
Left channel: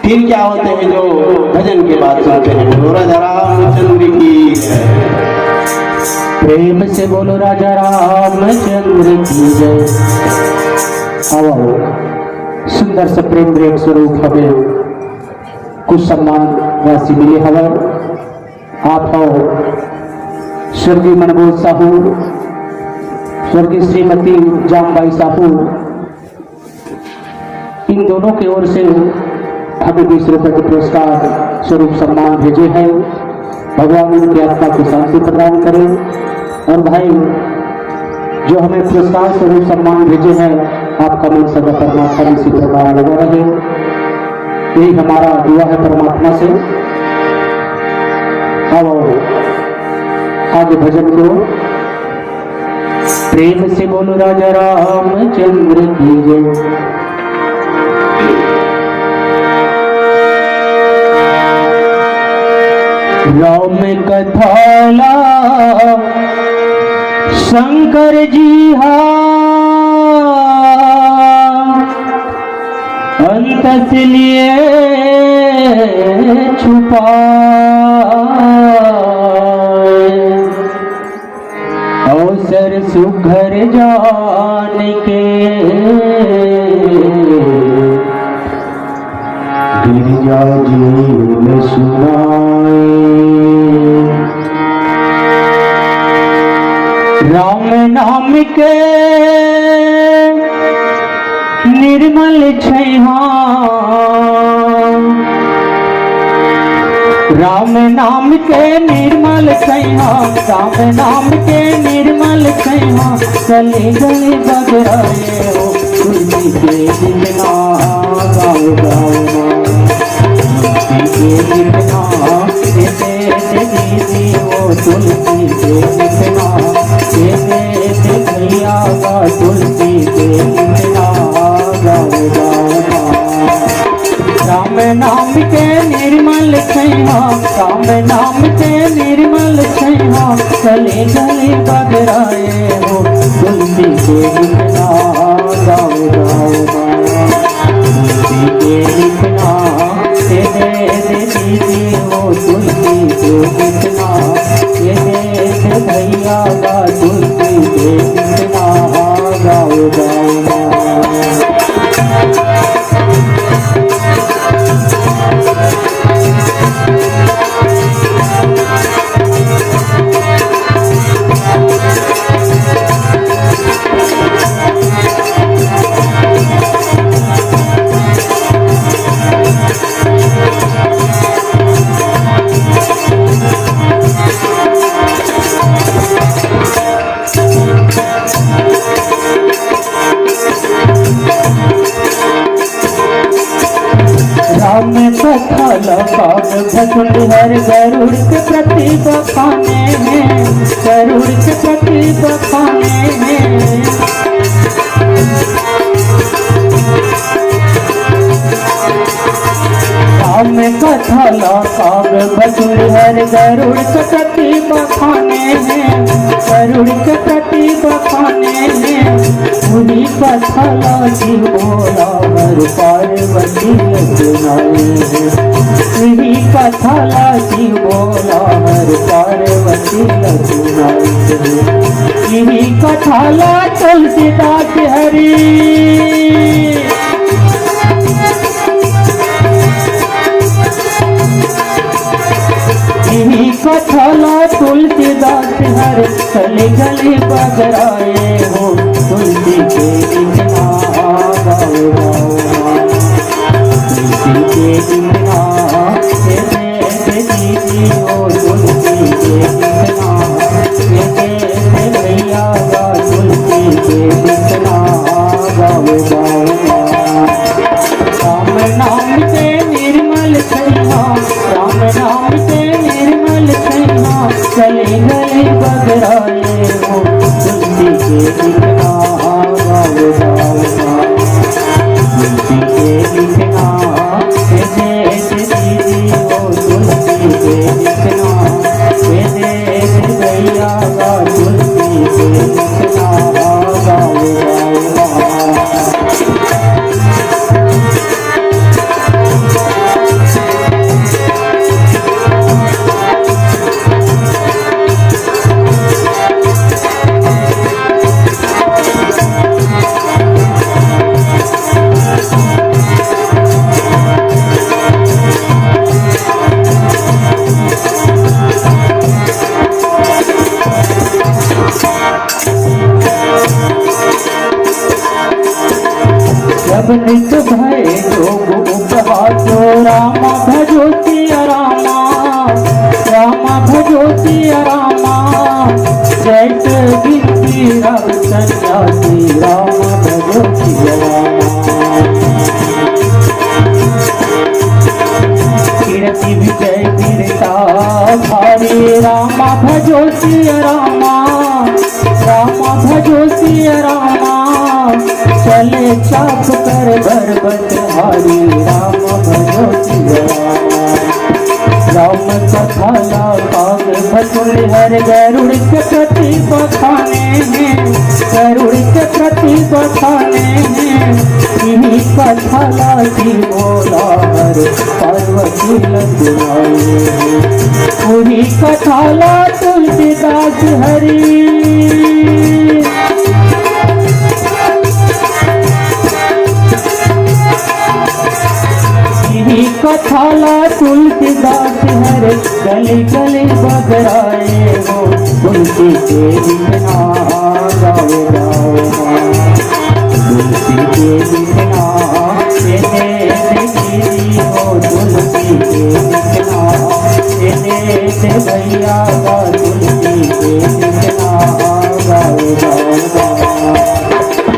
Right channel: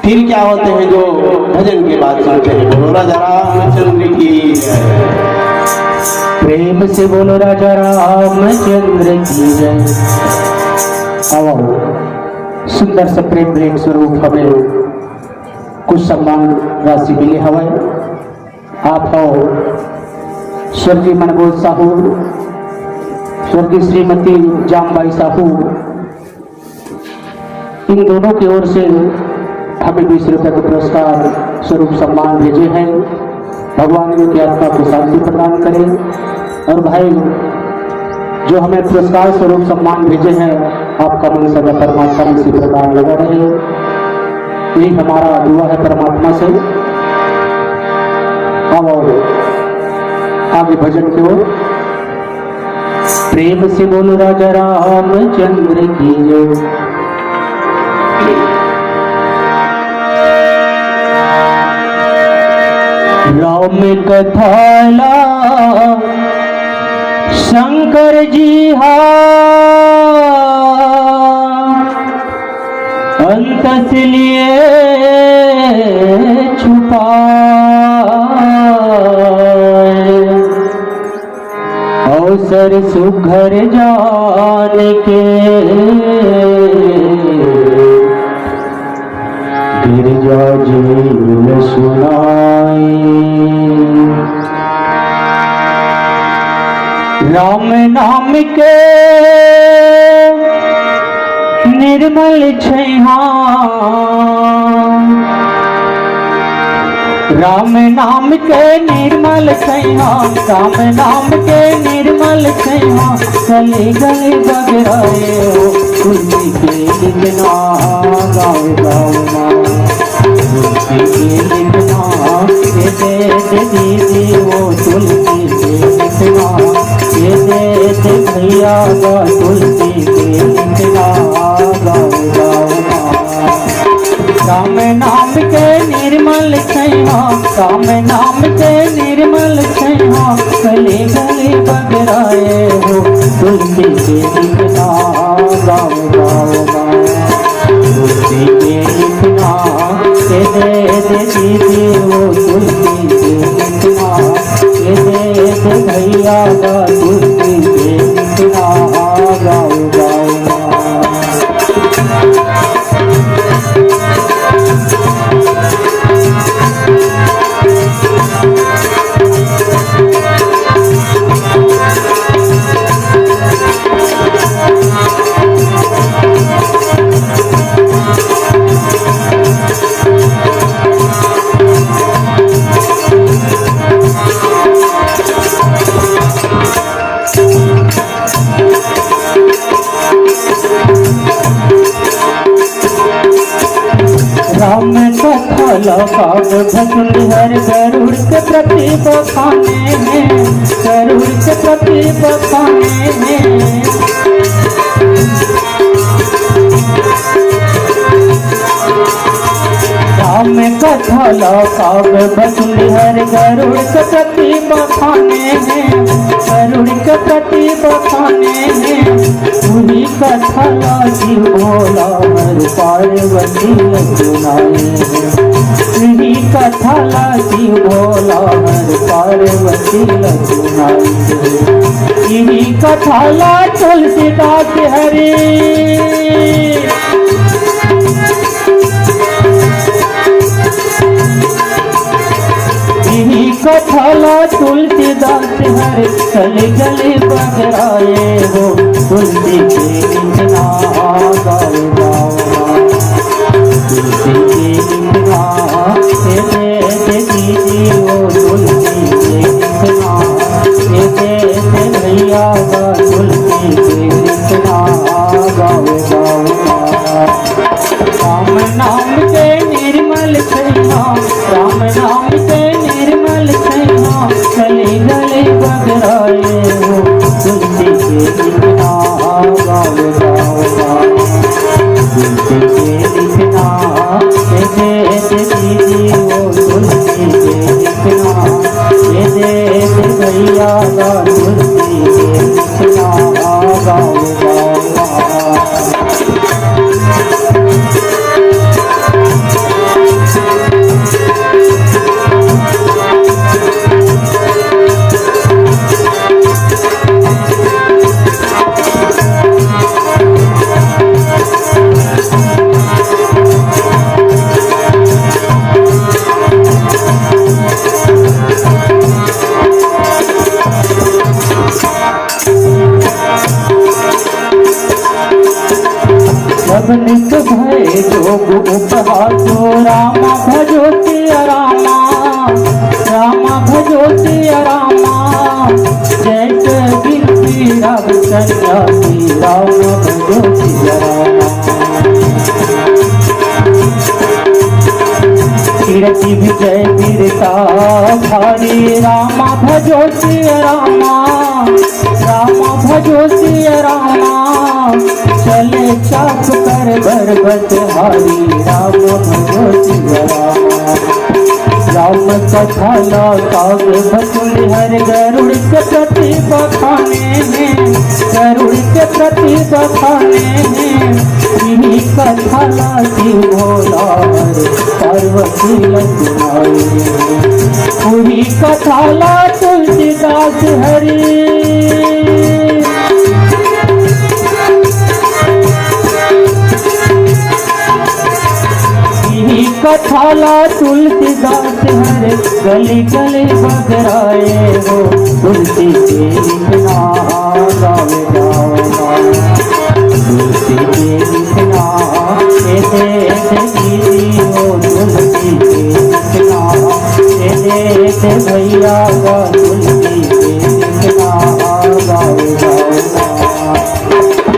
फिर क्या होते हैं जो भजन के बाद सुनते हैं? बोलो राजा रामचंद्र की जय। प्रेम से बोलो राजा रामचंद्र की जय। आओ सुंदर से प्रेम प्रेम स्वरूप हमें कुछ सम्मान राशि मिले हवा। आप हो स्वर्गीय मनमोहन साहू, स्वर्गीय श्रीमती जामबाई साहू, इन दोनों की ओर से हमें 20 रुपए के पुरस्कार स्वरूप सम्मान भेजे हैं। भगवान उनकी आत्मा को शांति प्रदान करें। और भाई जो हमें पुरस्कार स्वरूप सम्मान भेजे हैं, आपका मन सदा परमात्मा इसी प्रकार लगा रहे। यही हमारा दुआ है परमात्मा से। अब आगे भजन को प्रेम से बोलो राजा रामचंद्र की जय। राम कथाला शंकर जी अंत लिए छुपा अवसर सुघर जान के गिरजा जी सुनाए। राम नाम के निर्मल छैहा, राम नाम के निर्मल छैहा, राम नाम के निर्मल छैहा, गले गले बगराए हो तुलसी के लिखना गाओ गाओ तुलसी के लिखना दीदी हो तुलसी के लिखना भैया तुलसी के लिखना गाओ गाओ। राम नाम के निर्मल छैहा, राम नाम के निर्मल छैहा, गले गले बगराए हो तुलसी के लिखना गाओ गाओ गाओ तुलसी के लिखना दीदी हो तुलसी के लिखना भैया तुलसी के लिखना गाओ गाओ। हर गरुड़ के प्रति बखाने में, गरुड़ के प्रति बखाने में राम कथा लाभ भजन हर गरुड़ के प्रति बखाने में, गरुड़ के प्रति बखाने में पूरी कथा लागी बोला हर पार्वती सुनाए। यही कथा लागी बोला हर पार्वती सुनाए। यही कथा ला तुलसीदास हरि, यही कथा ला तुलसीदास हरि। हर गली गली बजराए हो तुलसी के गीत ना गाओ गाओ तुलसी के गीत ना दे दीदी हो तुलसी के गीत ना दे भैया तुलसी के गीत ना गाओ गाओ राम नाम के निर्मल छैया राम नाम के निर्मल छैया चले गले बगराए हो तुलसी के गीत ना गाओ गाओ तुलसी के गीत ना दे दीदी हो तुलसी के गीत ना दे भैया तुलसी के गीत ना गाओ गाओ निक भय जोग उपवासो राम भजो सिया राम भजो सिया रामा जय गिरती राम सन्यासी राम भजो सिया रामा कीर्ति विजय वीरता धारी राम भजो सिया रामा राम भजो सिया रामा चले चाप कर बरबत हारी राम भजो सिया रामा राम कथा काग बटुल हर गरुड़ के प्रति बखाने हैं गरुड़ के प्रति बखाने हैं इन्हीं कथा लाती मोला हर पार्वती लंदनाई पूरी कथा ला तुलसीदास हरी कथाला तुलसीदास हरे गली गली बजराए हो तुलसी के गीत ना गाओ गाओ तुलसी के गीत ना दे दीदी हो तुलसी के गीत ना दे भैया तुलसी के गीत ना गाओ गाओ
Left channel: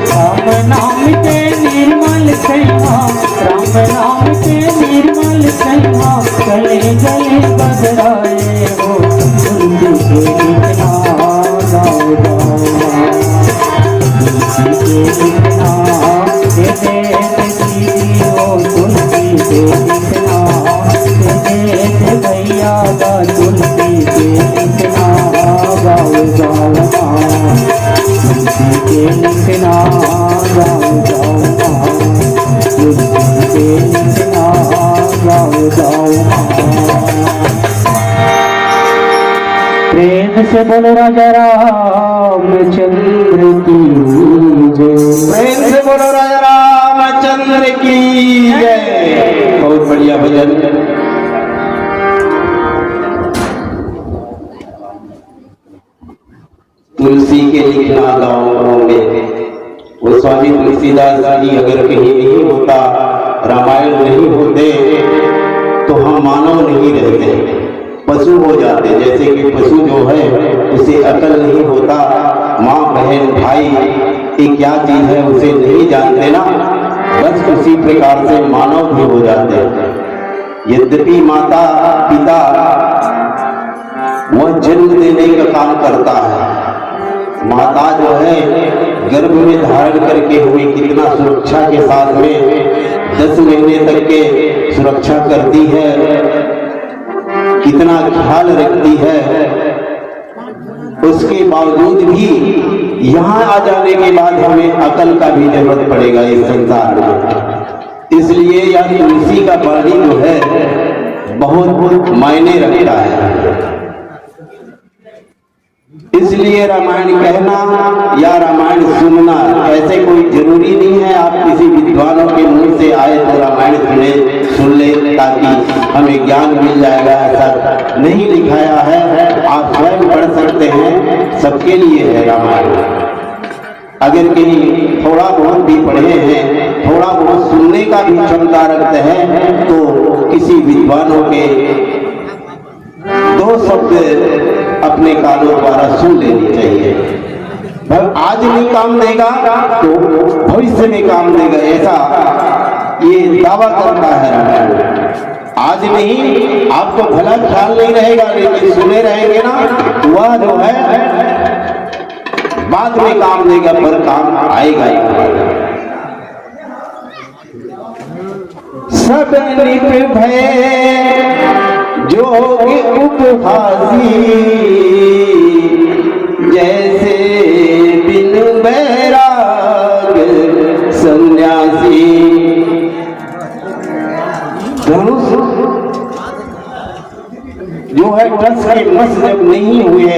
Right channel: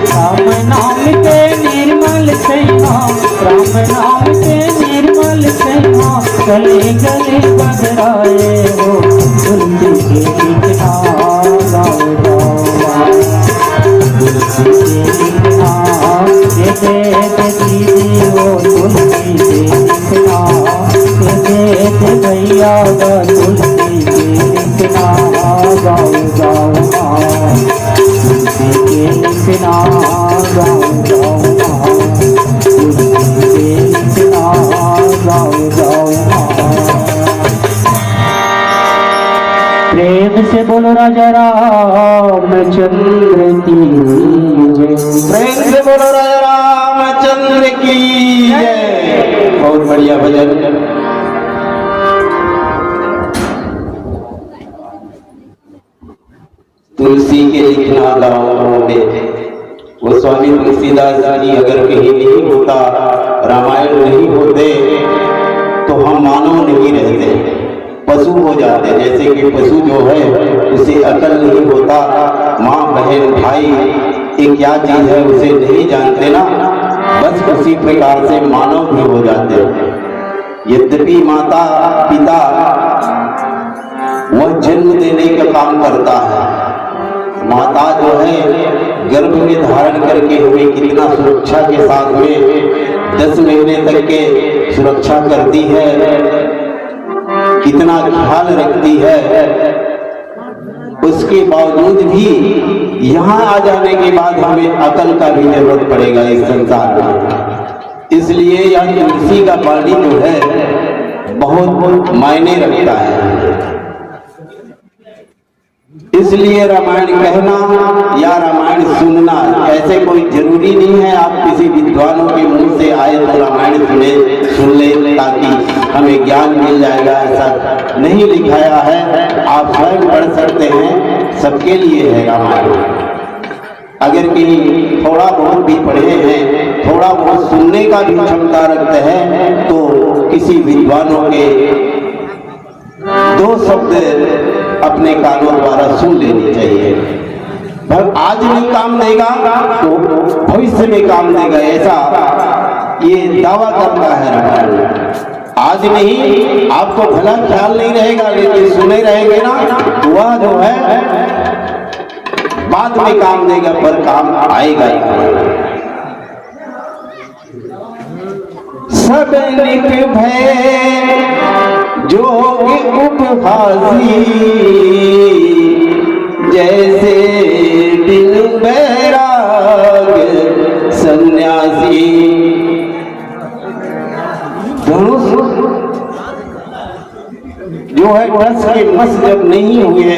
राम नाम के निर्मल छैया राम नाम के निर्मल छैया गले गले बजराए हो तुलसी के गीत ना गाओ गाओ तुलसी के गीत ना दे दीदी हो तुलसी के गीत ना दे भैया तुलसी के गीत ना गाओ गाओ तुलसी के गीत ना गाओ गाओ तुलसी के गीत ना गाओ गाओ प्रेम से बोलो राजा रामचंद्र की जय प्रेम से बोलो राजा रामचंद्र की जय। बहुत बढ़िया भजन। तुलसी के लिखना गाँव में वो स्वामी तुलसीदास जी अगर कहीं नहीं होता रामायण नहीं होते तो हम मानव नहीं रहते पशु हो जाते। जैसे कि पशु जो है उसे अकल नहीं होता माँ बहन भाई ये क्या चीज है उसे नहीं जानते ना बस उसी प्रकार से मानव भी हो जाते। यद्यपि माता पिता वह जन्म देने का काम करता है माता जो है गर्भ में धारण करके हमें कितना सुरक्षा के साथ में 10 महीने तक के सुरक्षा करती है कितना ख्याल रखती है उसके बावजूद भी यहाँ आ जाने के बाद हमें अकल का भी जरूरत पड़ेगा इस संसार में। इसलिए यह तुलसी का वाणी जो है बहुत मायने रखता है। इसलिए रामायण कहना या रामायण सुनना ऐसे कोई जरूरी नहीं है आप किसी विद्वानों के मुंह से आए तो रामायण सुन ले ताकि हमें ज्ञान मिल जाएगा, ऐसा नहीं लिखाया है। आप स्वयं पढ़ सकते हैं, सबके लिए है रामायण। अगर कहीं थोड़ा बहुत भी पढ़े हैं, थोड़ा बहुत सुनने का भी क्षमता रखते हैं, तो किसी विद्वानों के 2 शब्द अपने कानों द्वारा सुन लेनी चाहिए। आज नहीं काम देगा तो भविष्य में काम देगा, ऐसा ये दावा करता है रामायण। आज नहीं, आपको भला ख्याल नहीं रहेगा, लेकिन सुने रहेंगे ना, वह जो है बाद में काम देगा, पर काम आएगा ही। सब निक भय जोग उपहासी, जैसे बिन बैराग सन्यासी। धनुष जो है टस के मस जब नहीं हुए,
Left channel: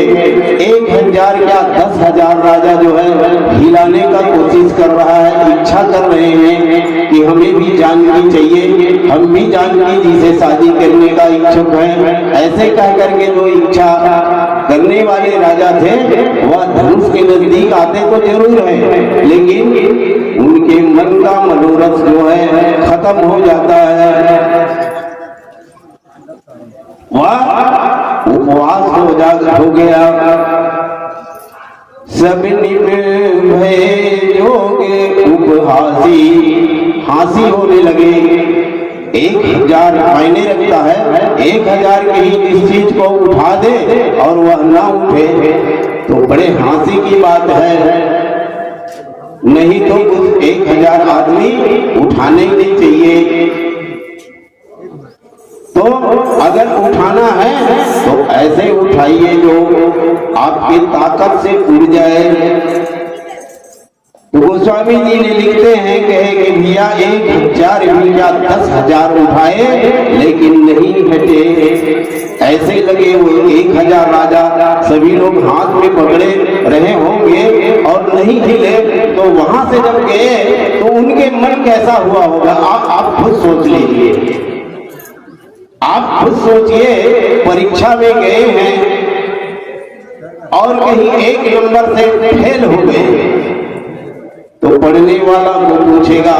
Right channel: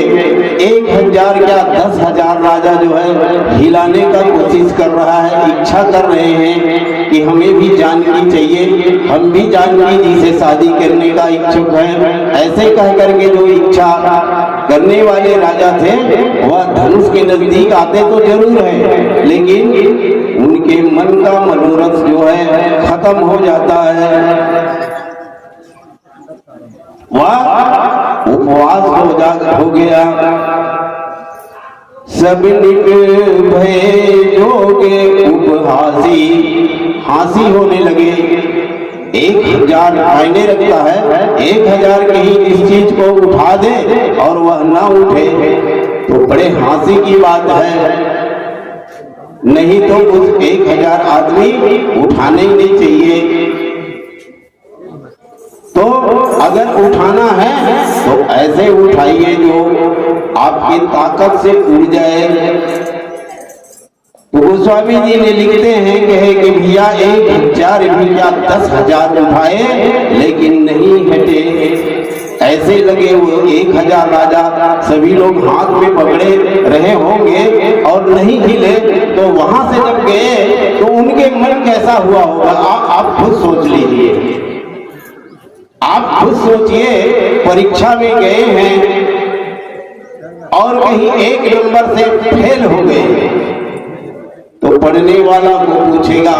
1000 या 10,000 राजा जो है हिलाने का कोशिश कर रहा है, इच्छा कर रहे हैं कि हमें भी जानकी चाहिए, हम भी जानकी जी से शादी करने का इच्छुक हैं। ऐसे कह करके जो इच्छा करने वाले राजा थे, वह धनुष के नजदीक आते तो जरूर है, लेकिन उनके मन का मनोरथ जो है खत्म हो जाता है। वह उपवास हो गया। सब निक भय जोगे उपहासी, हासी होने लगे। 1000 मायने रखता है, 1000 कहीं इस चीज को उठा दे और वह ना उठे तो बड़े हासी की बात है। नहीं तो कुछ 1000 आदमी उठाने ही नहीं चाहिए। तो अगर उठाना है तो ऐसे उठाइए जो आपकी ताकत से उड़ जाए। तो गोस्वामी जी ने लिखते हैं, कहे कि भैया 1000 भी क्या 10,000 उठाए लेकिन नहीं हटे। ऐसे लगे हुए 1000 राजा सभी लोग हाथ में पकड़े रहे होंगे और नहीं हिले, तो वहां से जब गए तो उनके मन कैसा हुआ होगा, आप खुद सोच लीजिए। आप खुद सोचिए, परीक्षा में गए हैं और कहीं 1 नंबर से फेल हो गए तो पढ़ने वाला को पूछेगा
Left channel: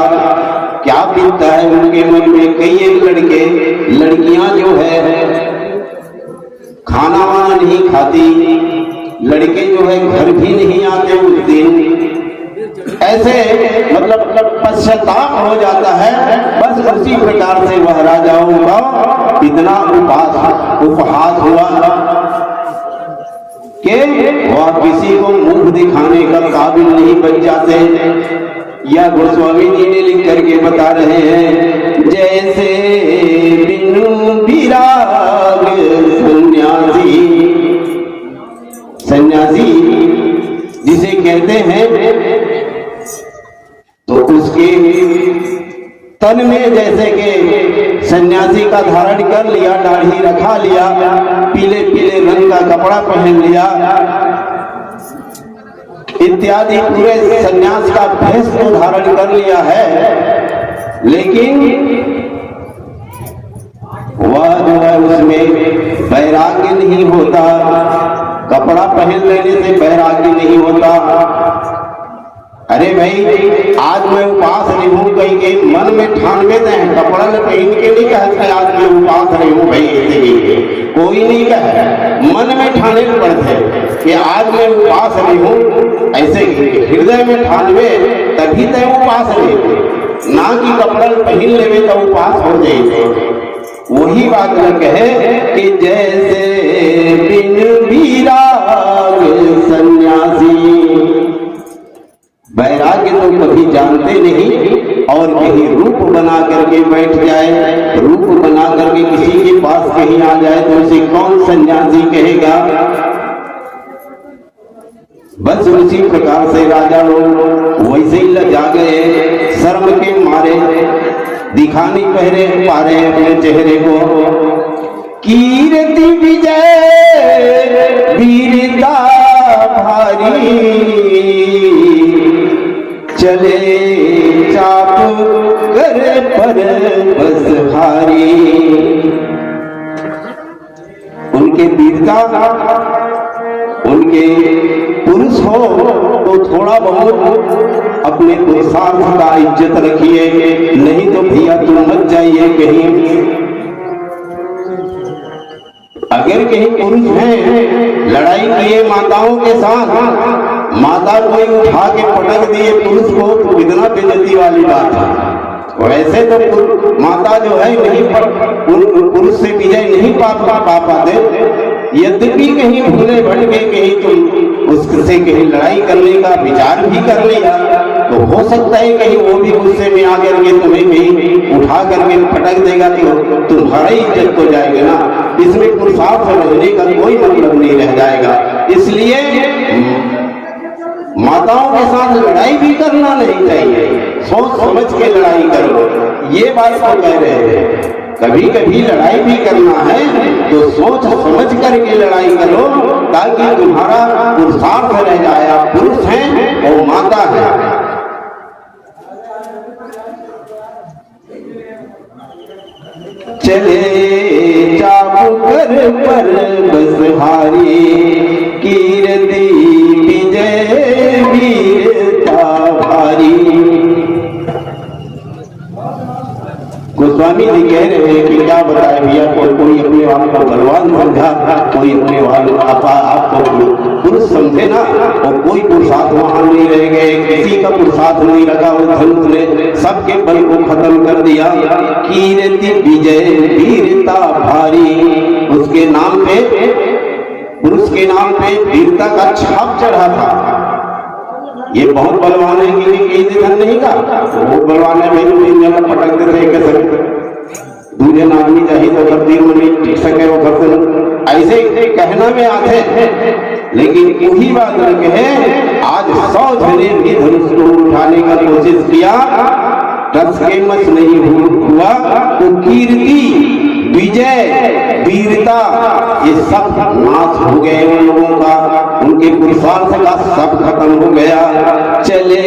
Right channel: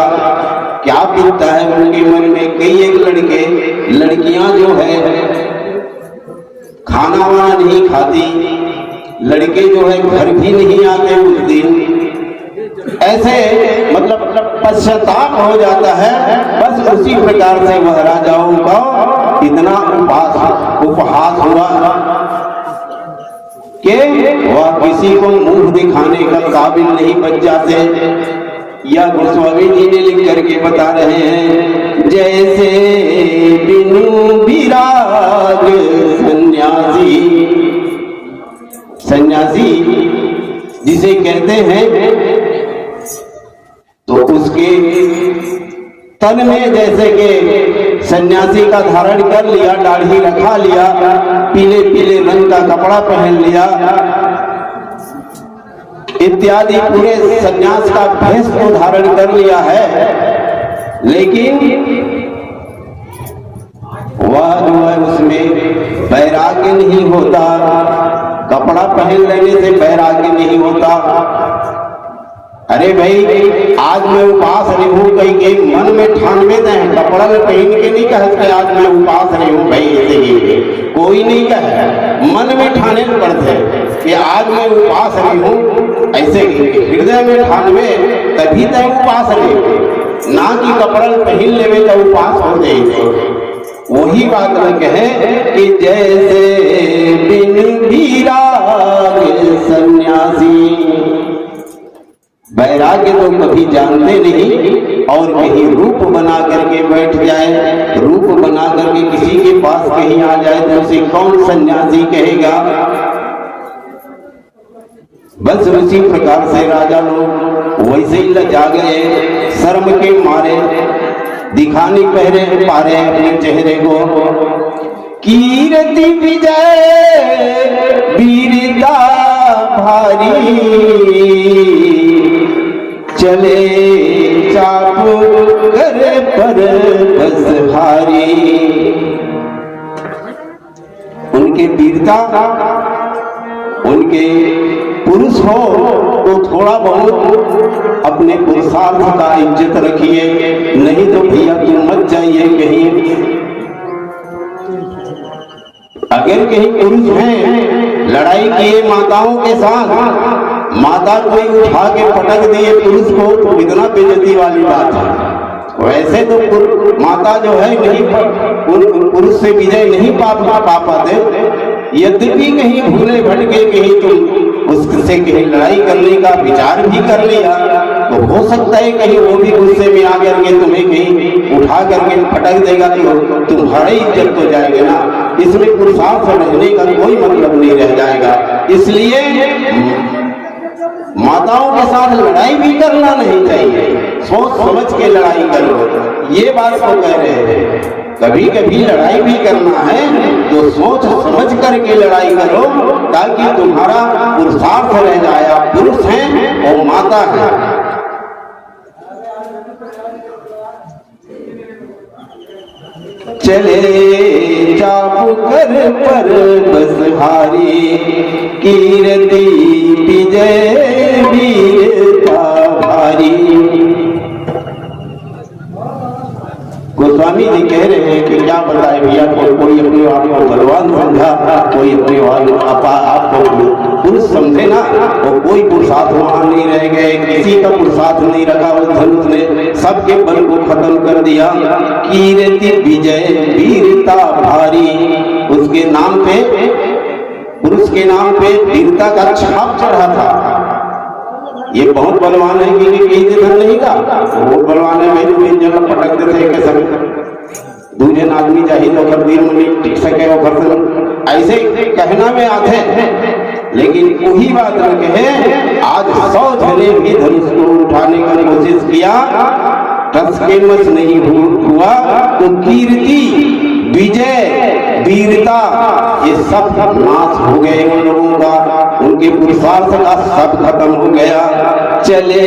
क्या बीतता है उनके मन में। कई एक लड़कियां जो है खाना वाना नहीं खाती, लड़के जो है घर भी नहीं आते उस दिन। ऐसे मतलब पश्चाताप हो जाता है। बस उसी प्रकार से वह राजाओं का इतना उपहास हुआ कि वह किसी को मुंह दिखाने का काबिल नहीं बच जाते। यह गोस्वामी जी ने लिख करके बता रहे हैं, जैसे बिनु विराग सन्यासी जिसे कहते हैं, तो उसके तन में जैसे कि सन्यासी का धारण कर लिया, दाढ़ी रखा लिया, पीले पीले रंग का कपड़ा पहन लिया इत्यादि पूरे सन्यास का भेष को धारण कर लिया है, लेकिन वह जो है उसमें वैराग्य नहीं होता। कपड़ा पहन लेने से वैराग्य नहीं होता। अरे भाई, आज मैं उपास रही हूँ, कहीं के मन में ठान में दे, कपड़ा पहन के नहीं कहते आज मैं उपास रही हूँ भाई, ऐसे ही कोई नहीं कहे, मन में ठाने पड़ते कि आज मैं उपास रही हूँ, ऐसे हृदय में ठानवे तभी तय उपास रही, ना कि कपड़ा पहन लेवे तो उपास हो जाए। वही बात न कहे कि जैसे बिन विराग सन्यासी, वैराग्य तो कभी जानते नहीं और कहीं रूप बना करके बैठ जाए, रूप बना करके किसी के पास कहीं आ जाए तो उसे कौन सन्यासी कहेगा। बस उसी प्रकार से राजा लोग वैसे ही लजा गए, शर्म के मारे दिखा नहीं पा रहे अपने चेहरे को। कीर्ति विजय वीरता भारी, चले चाप कर पर बस हारी। उनके वीरता, उनके पुरुष हो तो थोड़ा बहुत अपने पुरुषार्थ का इज्जत रखिए, नहीं तो भैया तुम मत जाइए कहीं। अगर कहीं पुरुष हैं लड़ाई किए माताओं के साथ, माता कोई उठा के पटक दिए पुरुष को, तो कितना बेइज्जती वाली बात है। वैसे तो माता जो है नहीं पुरुष से विजय नहीं पा पाते, यद्यपि कहीं भूले भटके कहीं तुम उससे कहीं लड़ाई करने का विचार भी कर लिया, तो हो सकता है कहीं वो भी गुस्से में आकर के तुम्हें कहीं उठा करके पटक देगा, तो तुम्हारी इज्जत तो जाएगी ना। इसमें पुरुषार्थ रहने का कोई मतलब नहीं रह जाएगा। इसलिए माताओं के साथ लड़ाई भी करना नहीं चाहिए, सोच समझ के लड़ाई करो, ये बात तो कह रहे थे। कभी कभी लड़ाई भी करना है तो सोच समझ करके लड़ाई करो, ताकि तुम्हारा पुरुषार्थ रह जाए। आप पुरुष हैं और माता है। चले चापू कर पर बसहारी, कीर्ति विजय वीरता भारी। गोस्वामी जी कह रहे हैं कि क्या बताए भैया, कोई अपने आप को बलवान समझा, कोई अपने आप को पुरुष समझे ना, और कोई पुरुषार्थ वहां नहीं रह गए, किसी का पुरुषार्थ नहीं रखा। वो धनुष ने सबके बल को खत्म कर दिया। कीर्ति विजय वीरता भारी, उसके नाम पे, पुरुष के नाम पे वीरता का छाप चढ़ा था। ये बहुत बलवान है कि धन नहीं का, वो बलवान है भाई, तीन जगह पटक देते कसम, दूसरे आदमी चाहिए तो तब्दील में नहीं टिक सके वो कसम, ऐसे कहना में आते हैं। लेकिन वही बात न कहे, आज 100 जने भी धनुष को उठाने का कोशिश किया, टस के मस नहीं हुआ, तो कीर्ति विजय वीरता ये सब नाश हो गए उन लोगों का, उनके पुरुषार्थ का सब खत्म हो गया। चले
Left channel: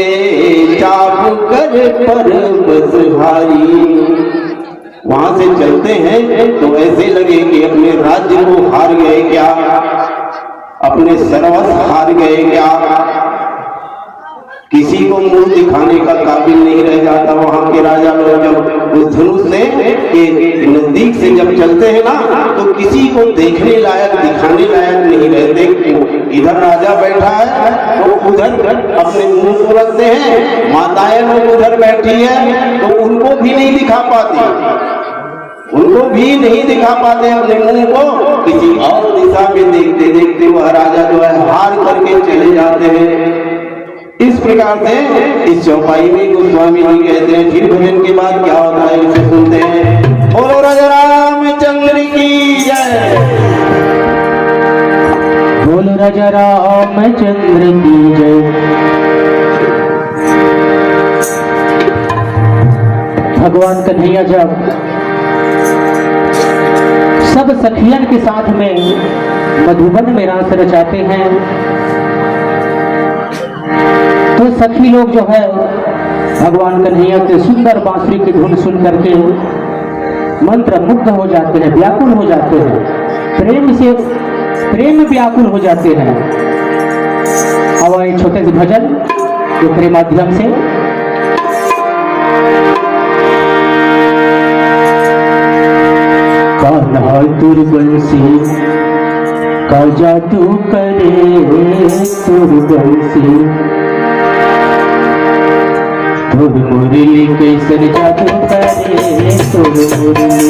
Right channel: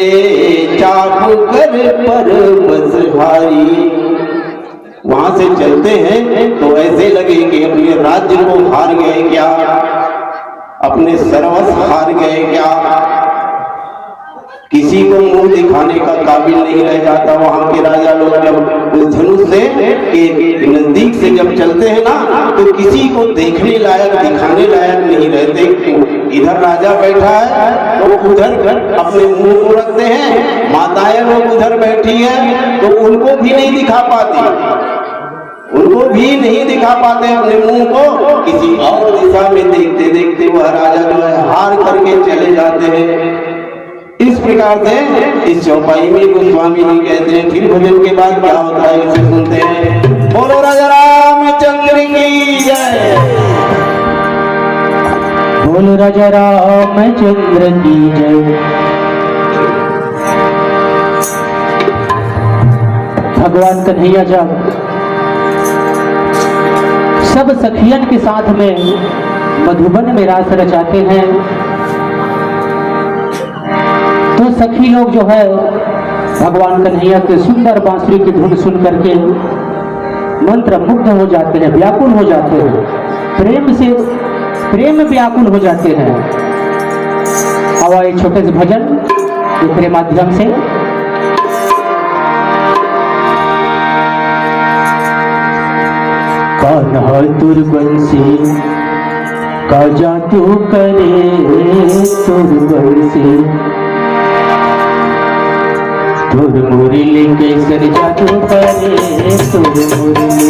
चाबू कर पर बसहारी, वहां से चलते हैं तो ऐसे लगे कि अपने राज्य को हार गए क्या, अपने सर्वस्व हार गए क्या, किसी को मुंह दिखाने का काबिल नहीं रह जाता। वहां के राजा लोग जब उस धनुष से के नजदीक से जब चलते हैं ना, तो किसी को देखने लायक दिखाने लायक नहीं रहते। इधर राजा बैठा है तो उधर अपने मुंह को रखते हैं, माताएं लोग उधर बैठी है तो उनको भी नहीं दिखा पाती, उनको भी नहीं दिखा पाते अपने मुंह को, किसी और दिशा में देखते देखते वह राजा जो है हार करके चले जाते हैं। इस प्रकार से इस चौपाई में गोस्वामी जी कहते हैं। फिर भजन के बाद क्या होता है इसे सुनते हैं। बोलो राजा रामचंद्र की जय, बोलो राजा रामचंद्र की जय। भगवान कन्हैया जब सब सखियन के साथ में मधुबन में रास रचाते हैं, तो सखी लोग जो है भगवान कन्हैया के सुंदर बांसुरी की धुन सुन करके मंत्र मुग्ध हो जाते हैं, व्याकुल हो जाते हैं, प्रेम व्याकुल हो जाते हैं। अब आए छोटे से भजन के माध्यम से। कान्हा तुर बंसी का जादू करे, तुर बंसी तुर मुरली कैसन जादू करे, तुर मुरली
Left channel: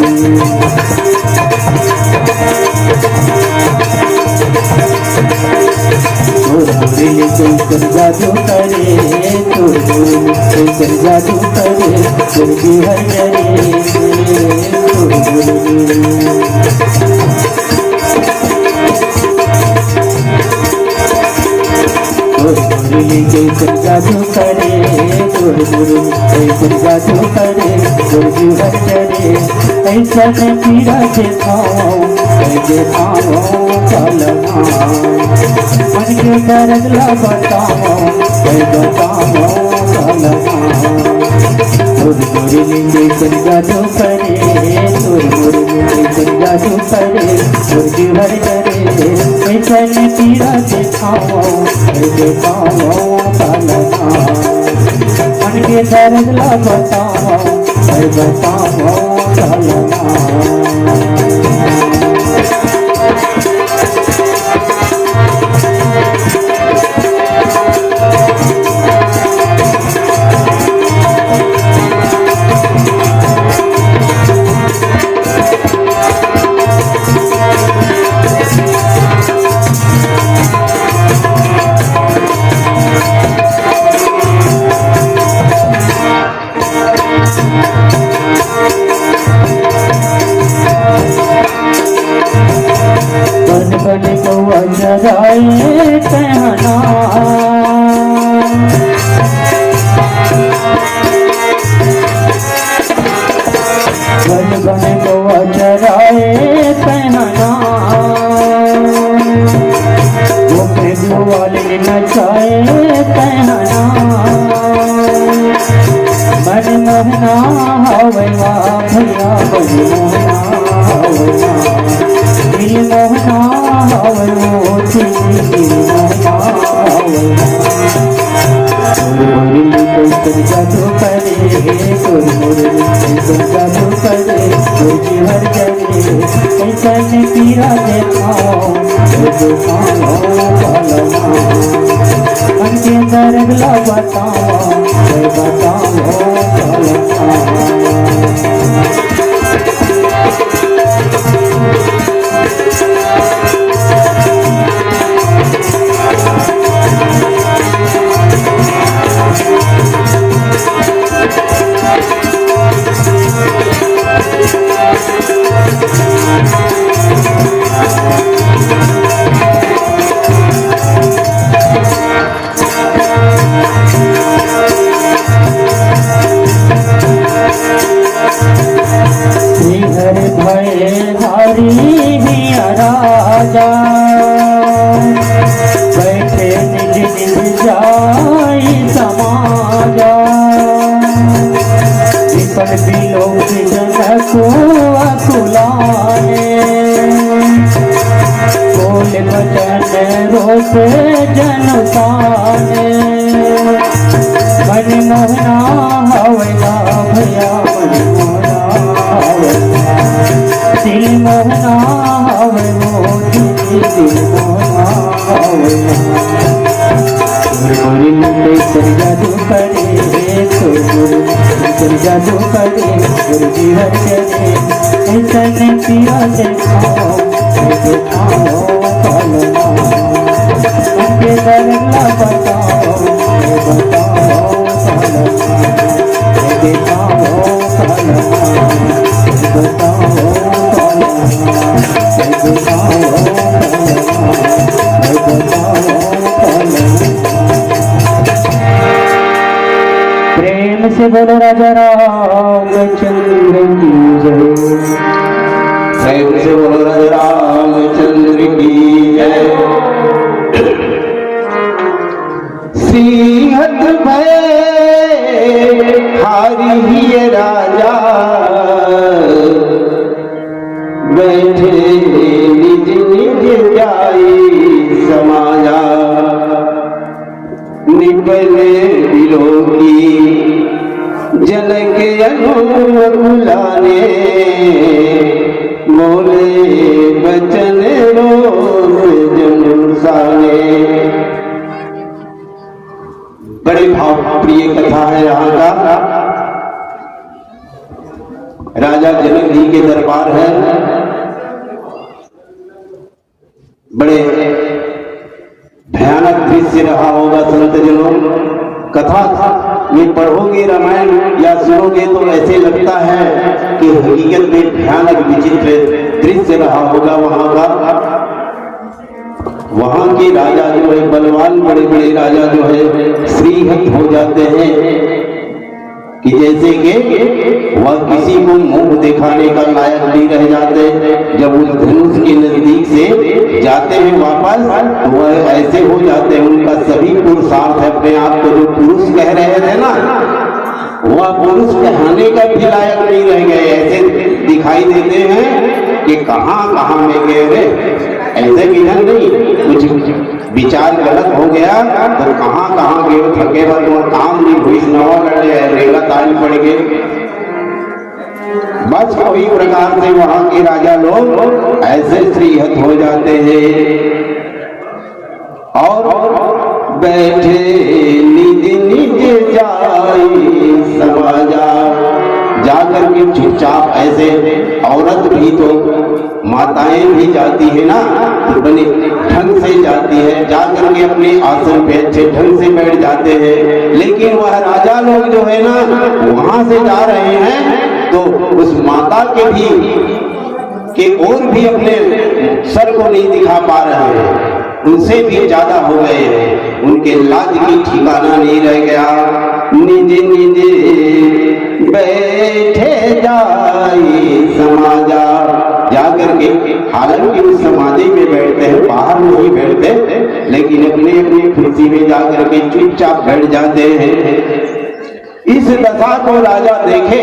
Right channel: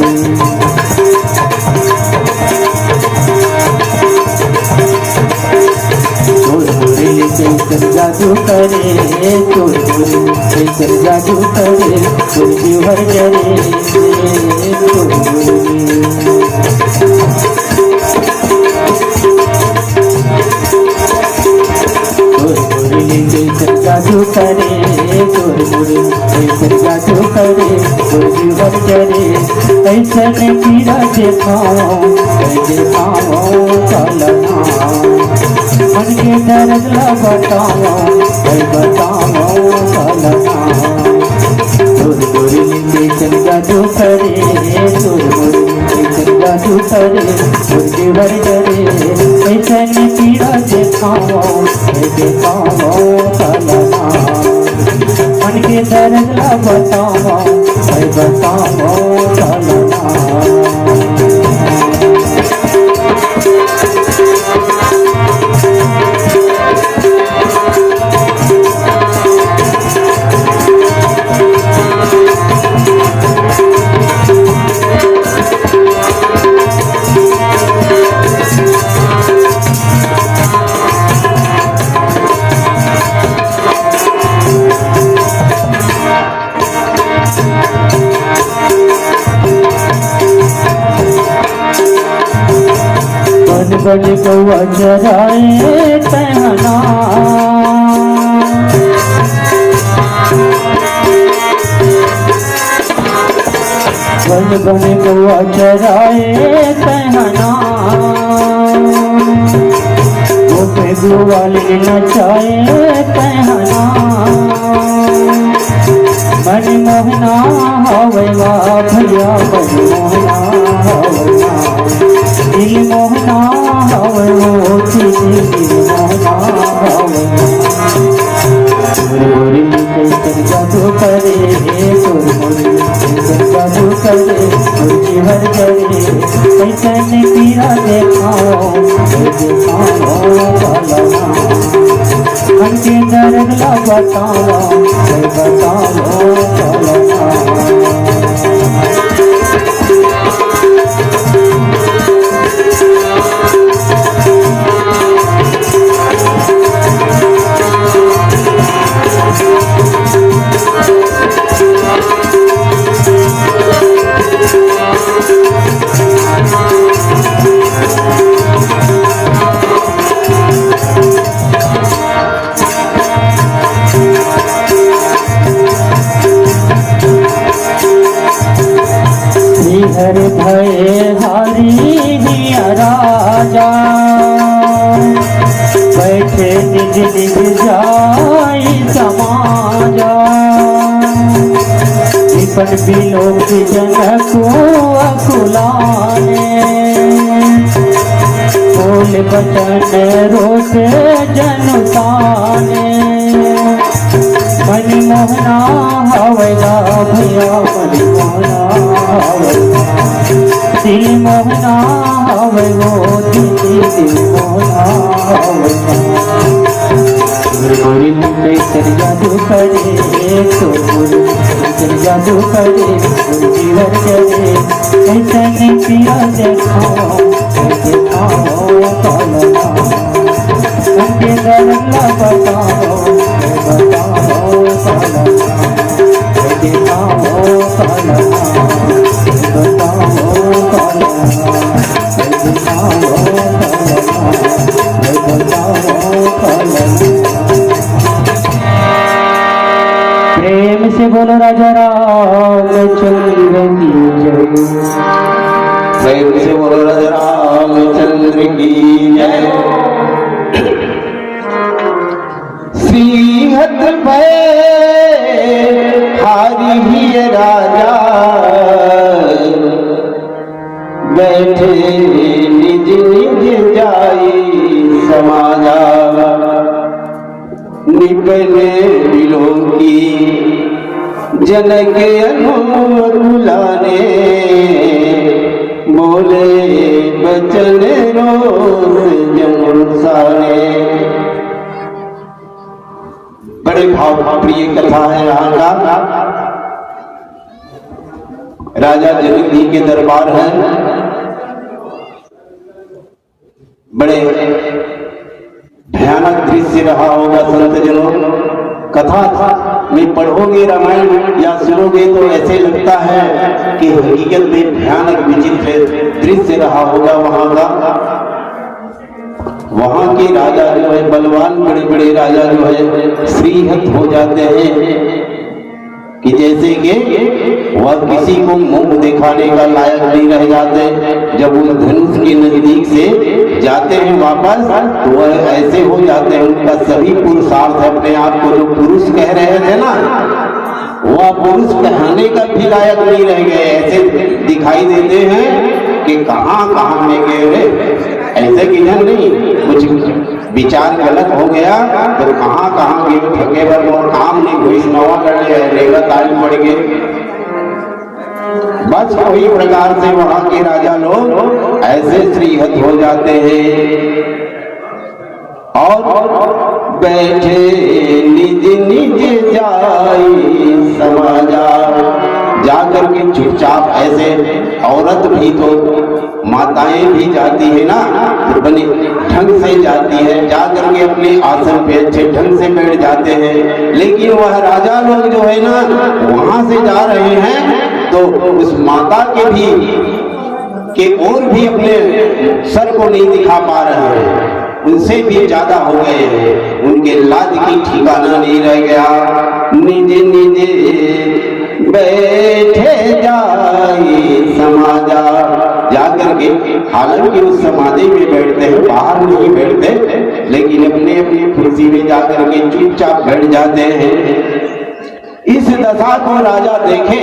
कैसन जादू करे, तुर मुरली कैसन जादू करे, तुर जीवन जरे, तुर मुरली मुरली कैसन जादू करे, तुर मुरली कैसन जादू करे, तुर जीवन जरे। ऐसन पीरा देखाओ काला मन के दर्द ला बताओ काला। तुर मुरली कैसन जादू करे, तुर मुरली कैसन जादू करे, तुर जीवन जरे। बताओ तलना मन के दर्द ला बताओ तलना बन कौआ जराए पहना बन कौआ जराए पहना गोपे गुआल नचाए पहना मन मोहना होवेगा भैया दिल मोहना जादू करे जादू करे हर जगह कैसे पीरा देखाओ मन के दर्द लगाताओ हर भय धारी राजा बैठे निज निज जाई समाजा विपन बिलोक जनको अकुलाने बोल बचन रोक जनताने मन मोहना होवेगा भैया दिल मोहना हवे वो दिल मोहना हवे गोरी मुंडे तेरी जादू करे तेरी जादू करे गुरु हर जगह ऐसे पिया देखाओ तलना उनके दर्द बताओ प्रेम से बोलो राजा रामचंद्र की जय प्रेम से बोलो राजा रामचंद्र की जय सिंहत भय हारी ही राजा बैठे निज निज जाई समाजा निपले बिलो की जनक अनुलाने बोले बचन रोज जमुसाने। बड़ी भाव प्रिय कथा है यहाँ का। राजा जनक जी के दरबार है। बड़े भयानक दृश्य रहा होगा संत जनों। कथा में पढ़ोगे रामायण या सुनोगे तो ऐसे लगता है कि हकीकत में भयानक विचित्र दृश्य रहा होगा वहां का। वहां के राजा जो है बलवान, बड़े बड़े राजा जो है श्रीहत हो जाते हैं कि जैसे कि वह किसी को मुंह दिखाने का लायक नहीं रह जाते। जब उस धनुष के नजदीक से जाते हैं वापस तो वह ऐसे हो जाते हैं, उनका सभी पुरुषार्थ अपने आप को जो पुरुष कह रहे थे ना, वह पुरुष कहने का भी लायक नहीं रह गए। ऐसे दिखाई देते हैं कि कहां कहां में गए। ऐसे किधर नहीं, कुछ विचार गलत हो गया तो कहाँ कहाँ गए थके भर और काम नहीं हुई, नवा लड़े रेगा ताली पड़ गए। बस कोई प्रकार से वहां के राजा लोग ऐसे श्रीहत हो जाते हैं और बैठे निज निज जाई समाजा, जाकर के चुपचाप ऐसे औरत भी तो माताएं भी जाती है ना, तो बने ढंग से जाती है, जाकर के अपने आसन पे अच्छे ढंग से बैठ जाते हैं। लेकिन वह राजा लोग जो है ना वहां से जा रहे हैं तो उस माता के और भी अपने सर को नहीं दिखा पा रहे हैं, उनसे भी ज्यादा हो गए हैं, उनके लाज की ठिकाना नहीं रह गया। निजे निजे बैठे जाई समाजा, जाकर के हालांकि उस समाधि में बैठते हैं, बाहर नहीं बैठते, लेकिन अपने अपनी खुशी में जाकर के चुपचाप बैठ जाते हैं। इस दशा को राजा देखे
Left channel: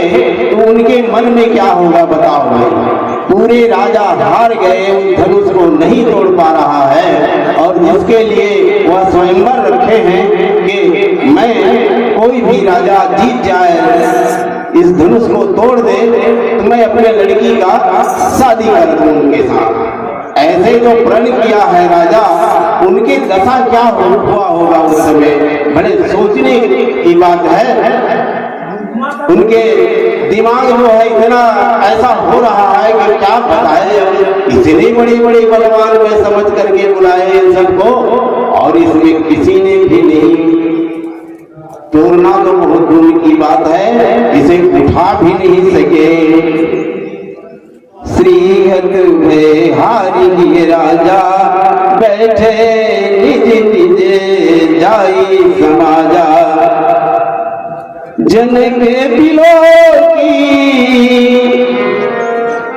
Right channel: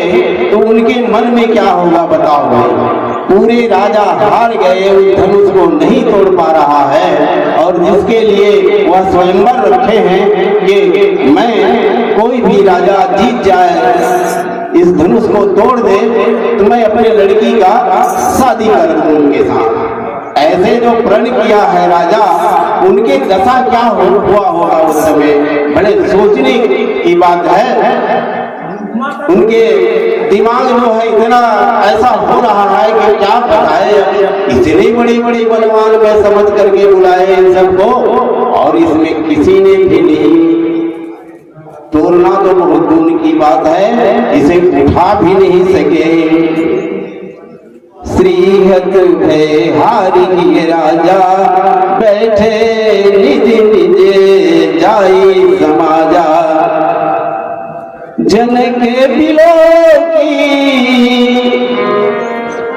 तो उनके मन में क्या होगा बताओ भाई। पूरे राजा हार गए, उस धनुष को नहीं तोड़ पा रहा है और जिसके लिए वह स्वयंवर रखे हैं कि मैं कोई भी राजा जीत जाए, इस धनुष को तोड़ दे तो मैं अपने लड़की का शादी कर दूं उनके साथ। ऐसे जो प्रण किया है राजा, उनके दशा क्या हुआ होगा उस समय, बड़े सोचने की बात है। उनके दिमाग जो है इतना ऐसा हो रहा है कि क्या बताए, इतने बड़े बड़े बलवान में समझ करके बुलाए इन सबको और इसमें किसी ने भी नहीं तोड़ना तो बहुत दूर की बात है, इसे उठा भी नहीं सके। श्रीहत भय हारी राजा बैठे निज निज जाई समाजा, जनक बिलो की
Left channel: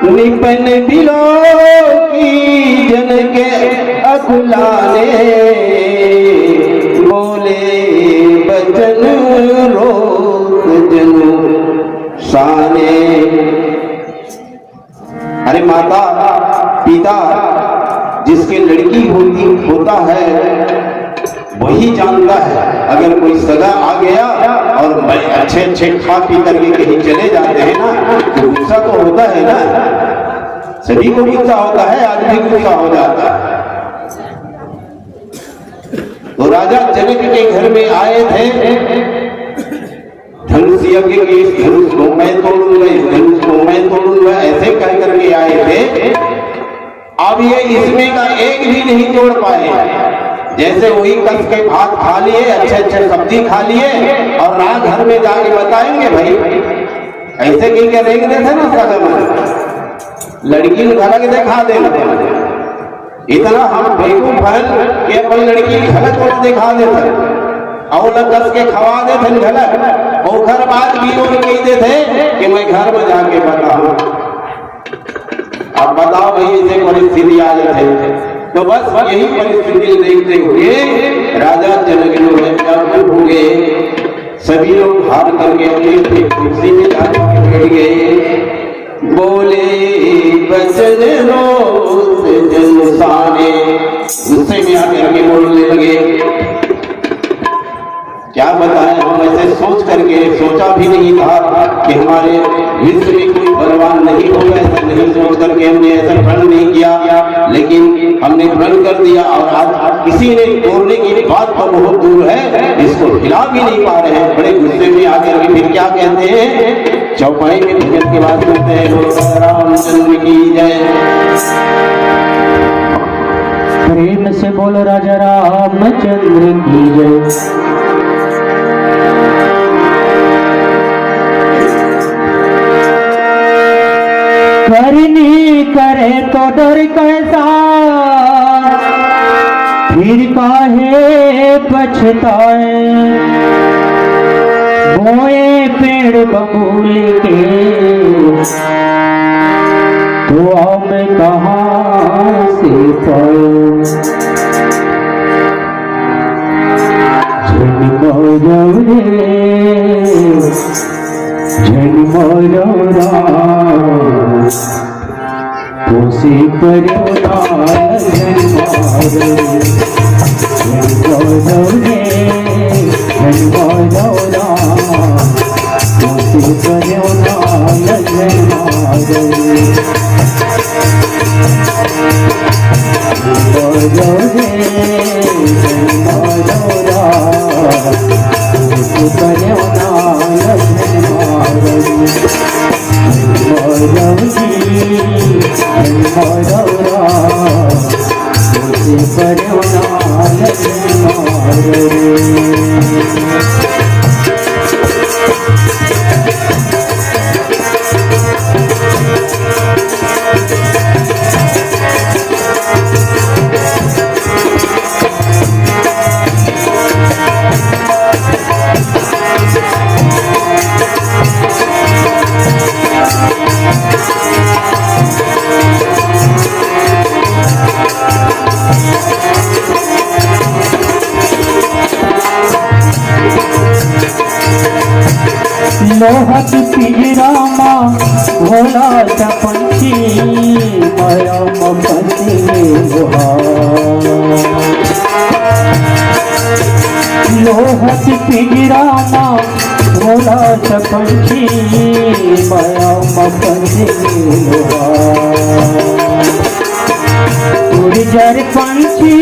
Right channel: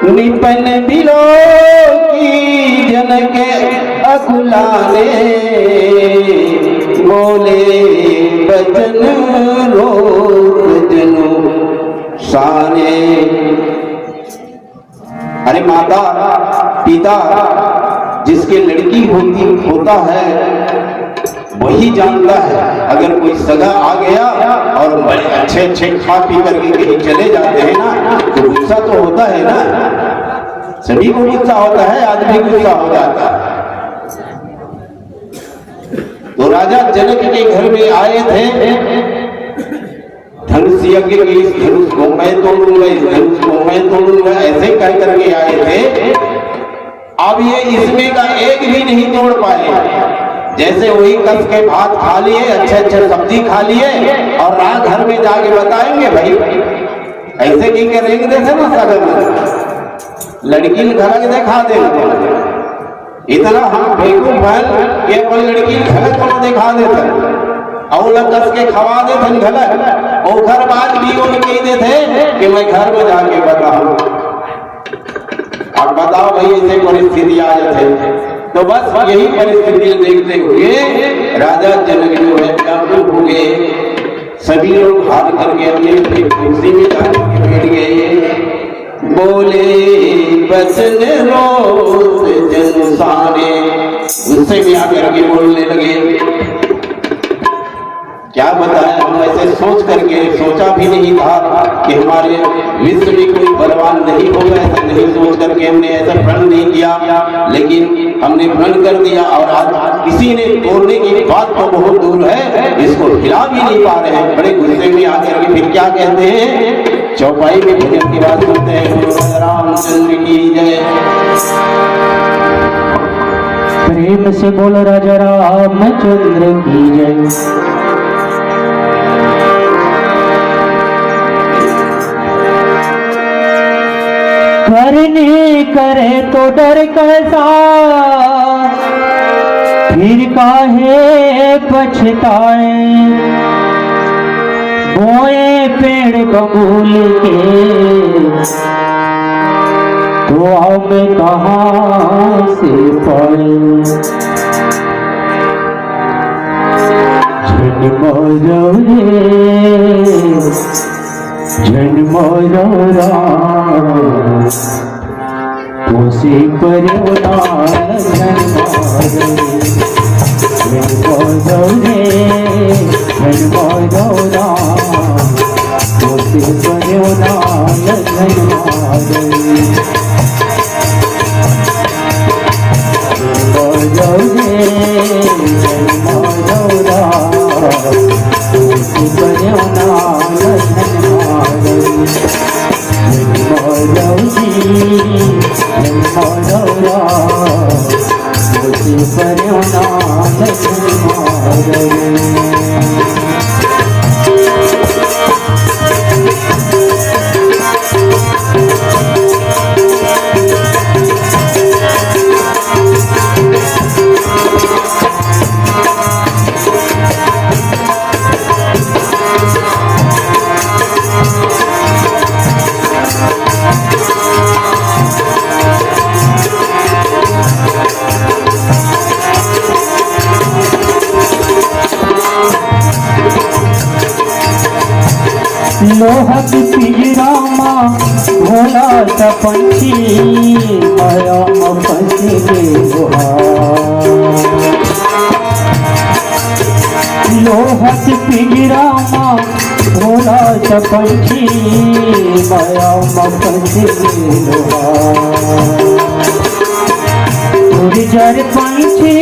निपन बिलो की, जनक अकुलाने बोले बचन रोक जनु शाने। अरे माता पिता जिसके लड़की होता है वही जानता है, अगर कोई सगा आ गया और अच्छे अच्छे खा पी करके कहीं चले जाते हैं ना तो गुस्सा तो होता है ना, सभी को गुस्सा होता है, आदमी गुस्सा हो जाता है। तो राजा जनक के घर में आए थे, धनुष यज्ञ के इस धनुष को मैं तोड़ूंगा, इस धनुष को मैं तोड़ूंगा, ऐसे कह करके आए थे। अब ये इसमें का एक भी नहीं तोड़ पाए, जैसे वही कस के भात खा लिए, अच्छे अच्छे सब्जी खा लिए और रात घर में जाके बताएंगे भाई ऐसे की करेंगे थे ना सगम लड़की धड़क दिखा देते, इतना हम बेवकूफ हैं कि अपन लड़की गलत को दिखा देते और कस के खवा देते गलत, और घर बात भी वो कह देते कि मैं घर में जाके बताऊं। अब बताओ भाई ऐसे परिस्थिति आ जाते, तो बस यही परिस्थिति देखते हुए राजा जनक जो है व्याकुल हो गए, सभी लोग हार करके अपनी कुर्सी में जाकर के बैठ गए। बोले बचन रोज जन साने, गुस्से में आकर के बोलने लगे। क्या बताएं, हम ऐसे सोच करके सोचा भी नहीं था कि हमारे विश्व में कोई बलवान नहीं होगा, ऐसा नहीं सोच करके हमने ऐसा प्रण नहीं किया, लेकिन हमने प्रण कर दिया और आज किसी ने तोड़ने की बात तो बहुत दूर है, इसको हिला भी नहीं पा रहे हैं। बड़े गुस्से में आकर के फिर क्या कहते हैं, चौपाई में भजन की बात करते हैं, रामचंद्र की जय। प्रेम से बोल राजा रामचंद्र की जय। करनी करे तो डर कैसा, फिर काहे पछताए, बोए पेड़ बबूल के तो अब कहाँ से पाए। जन्म तो तुझे पर मोहक पिंजरामा भोला सा पंछी दयाम पंछी लोहक पिंजरामा भोला सा पंछी दयाम पंछी उड़ जर पंछी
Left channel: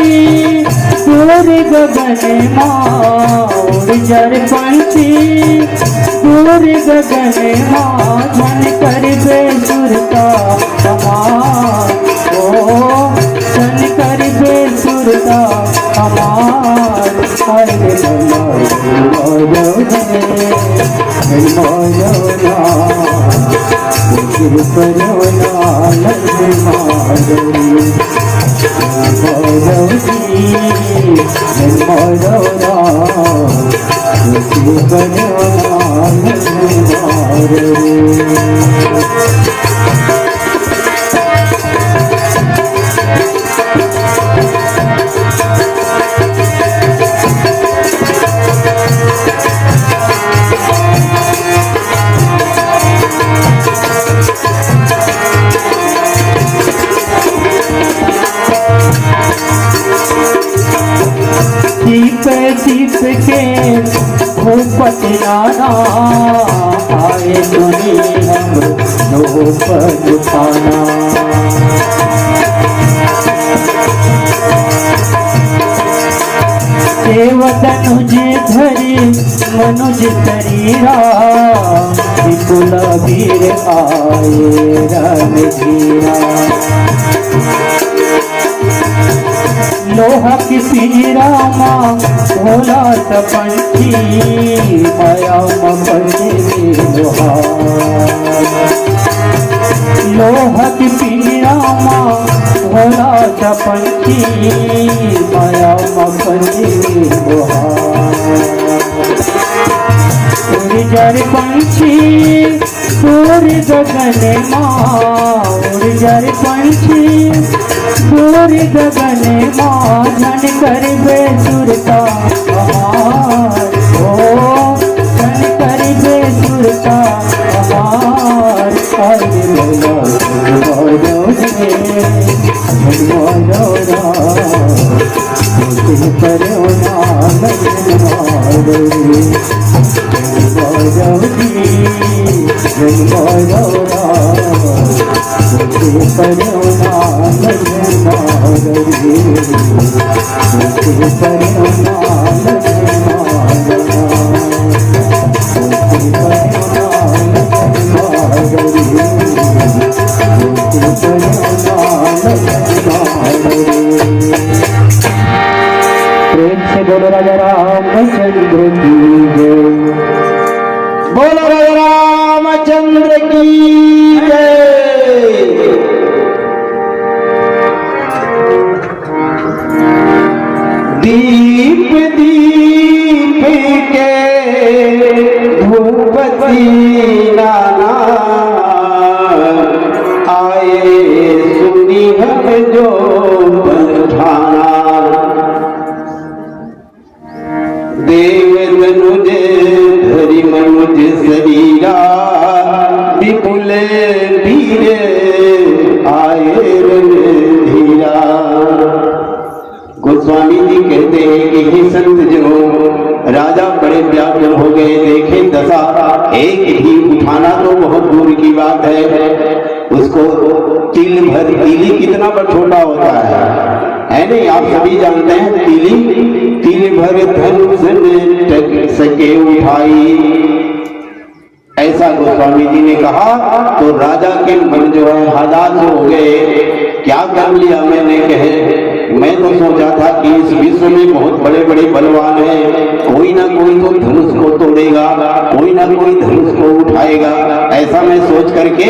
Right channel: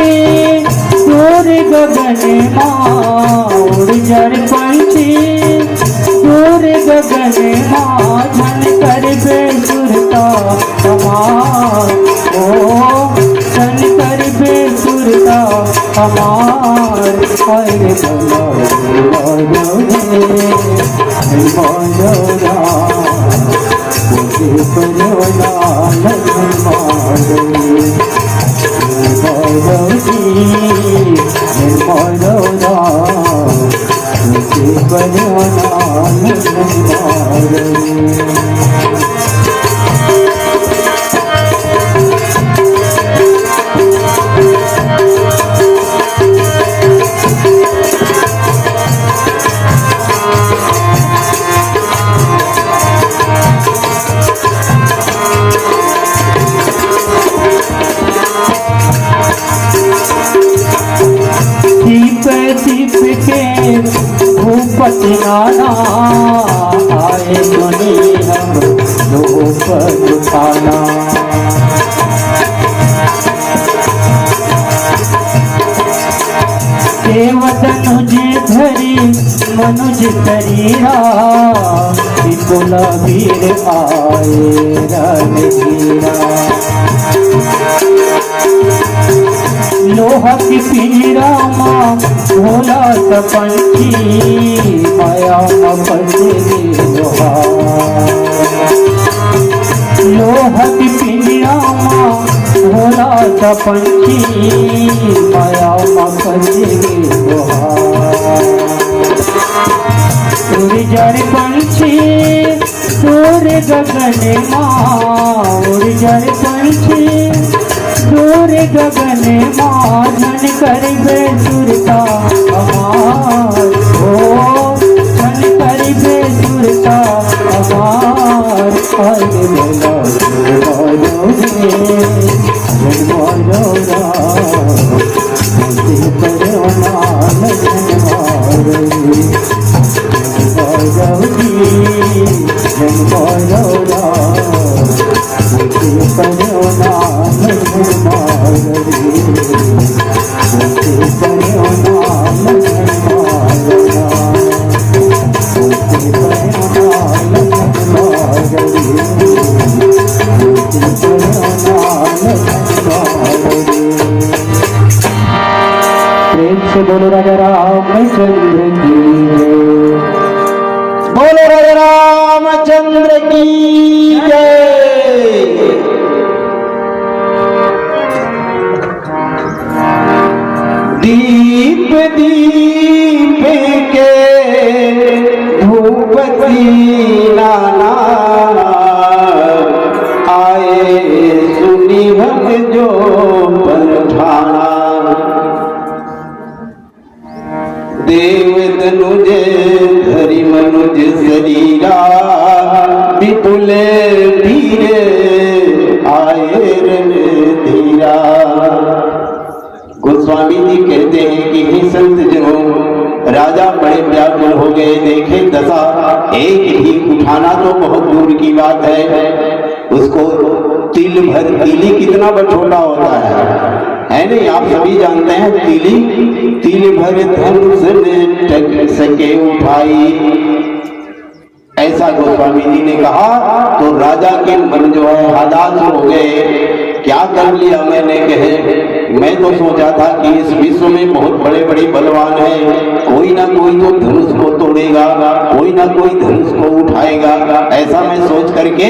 पूरे गगन माँ उड़ जर पंछी पूरे गगन माधन कर बेसुरता हमार ओ धन कर बेसुरता हमार अरे दीप के भूपत नाना आए दुनिया लोगों पर उठाना देवतनुज धरी मनुज शरीरा विपुल वीर आए रणधीरा लोहा की पिंजरामा भोला सा पंछी माया लोहा की पिंजरामा भोला सा पंछी माया उड़ जर पंछी पूरे गगन माँ उड़ जर पंछी पूरे गगन माधन कर बेसुरता हमार ओ धन कर बेसुरता हमार प्रेम से बोलो राजा रामचंद्र की जय बोलो राजा रामचंद्र की जय। दीप दीप के धूपती नाना आए सुनी हम जो बरठाना देव तनुज धरि मनुज शरीरा विपुल वीर आए कहते हैं कि हे संत जनों, राजा बड़े व्याकुल हो गए, देखे दशा, एक भी उठाना तो बहुत दूर की बात है। उसको तिल भर, तीली कितना छोटा होता है नहीं? आप सभी जानते हैं तीली, तिल भर धनुष ने टक सके उठाई, ऐसा गोस्वामी जी ने कहा। तो राजा के मन जो है हदास हो गए, क्या कर लिया मैंने, कहे मैं तो सोचा था कि इस विश्व में बहुत बड़े बड़े बलवान हैं, कोई ना कोई तो धनुष को तोड़ेगा, कोई ना कोई धनुष को उठाएगा, ऐसा मैं सोच करके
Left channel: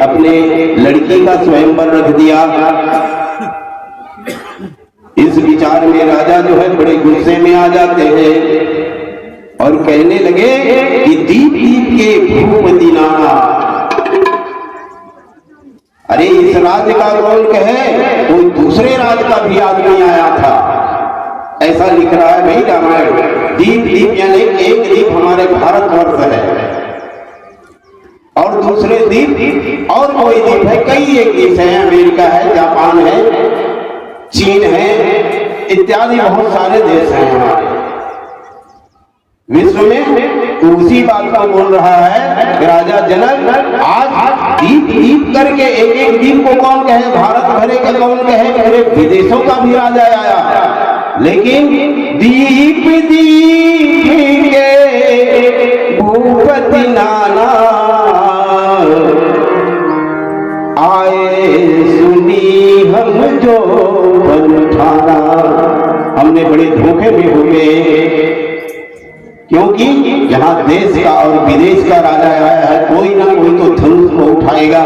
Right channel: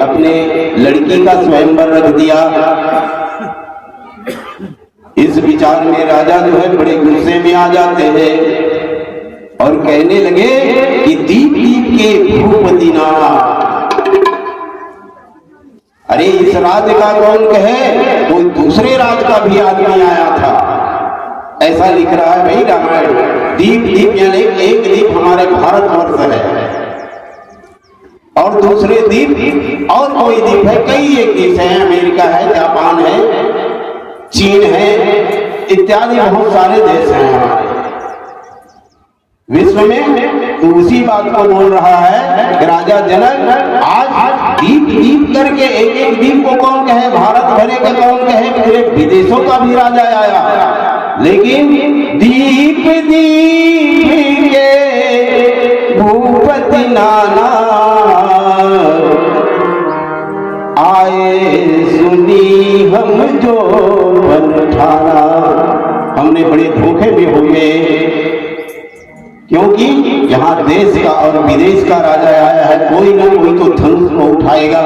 अपने लड़की का स्वयंवर रख दिया। इस विचार में राजा जो है बड़े गुस्से में आ जाते हैं और कहने लगे कि दीप दीप के भूपति नाना, अरे इस राज्य का कौन कहे, कोई दूसरे राज्य का भी आदमी आया था, ऐसा लिख रहा है भाई रामायण। दीप दीप यानी एक दीप हमारे भारतवर्ष है और दूसरे दीप और कोई दीप है, कई एक देश है, अमेरिका है, जापान है, चीन है, इत्यादि बहुत सारे देश हैं हमारे विश्व में। तो उसी बात को बोल रहा है कि राजा जनक, आज दीप दीप करके एक एक दीप को कौन कहे, भारत भरे का कौन कहे, पूरे विदेशों का भी राजा आया, लेकिन दीप दीप के भूपति नाना आए, सुनी हम जो बंधारा। हमने बड़े धोखे में हो गए, क्योंकि यहाँ देश का और विदेश का राजा आया है, कोई ना कोई तो धनुष को उठाएगा,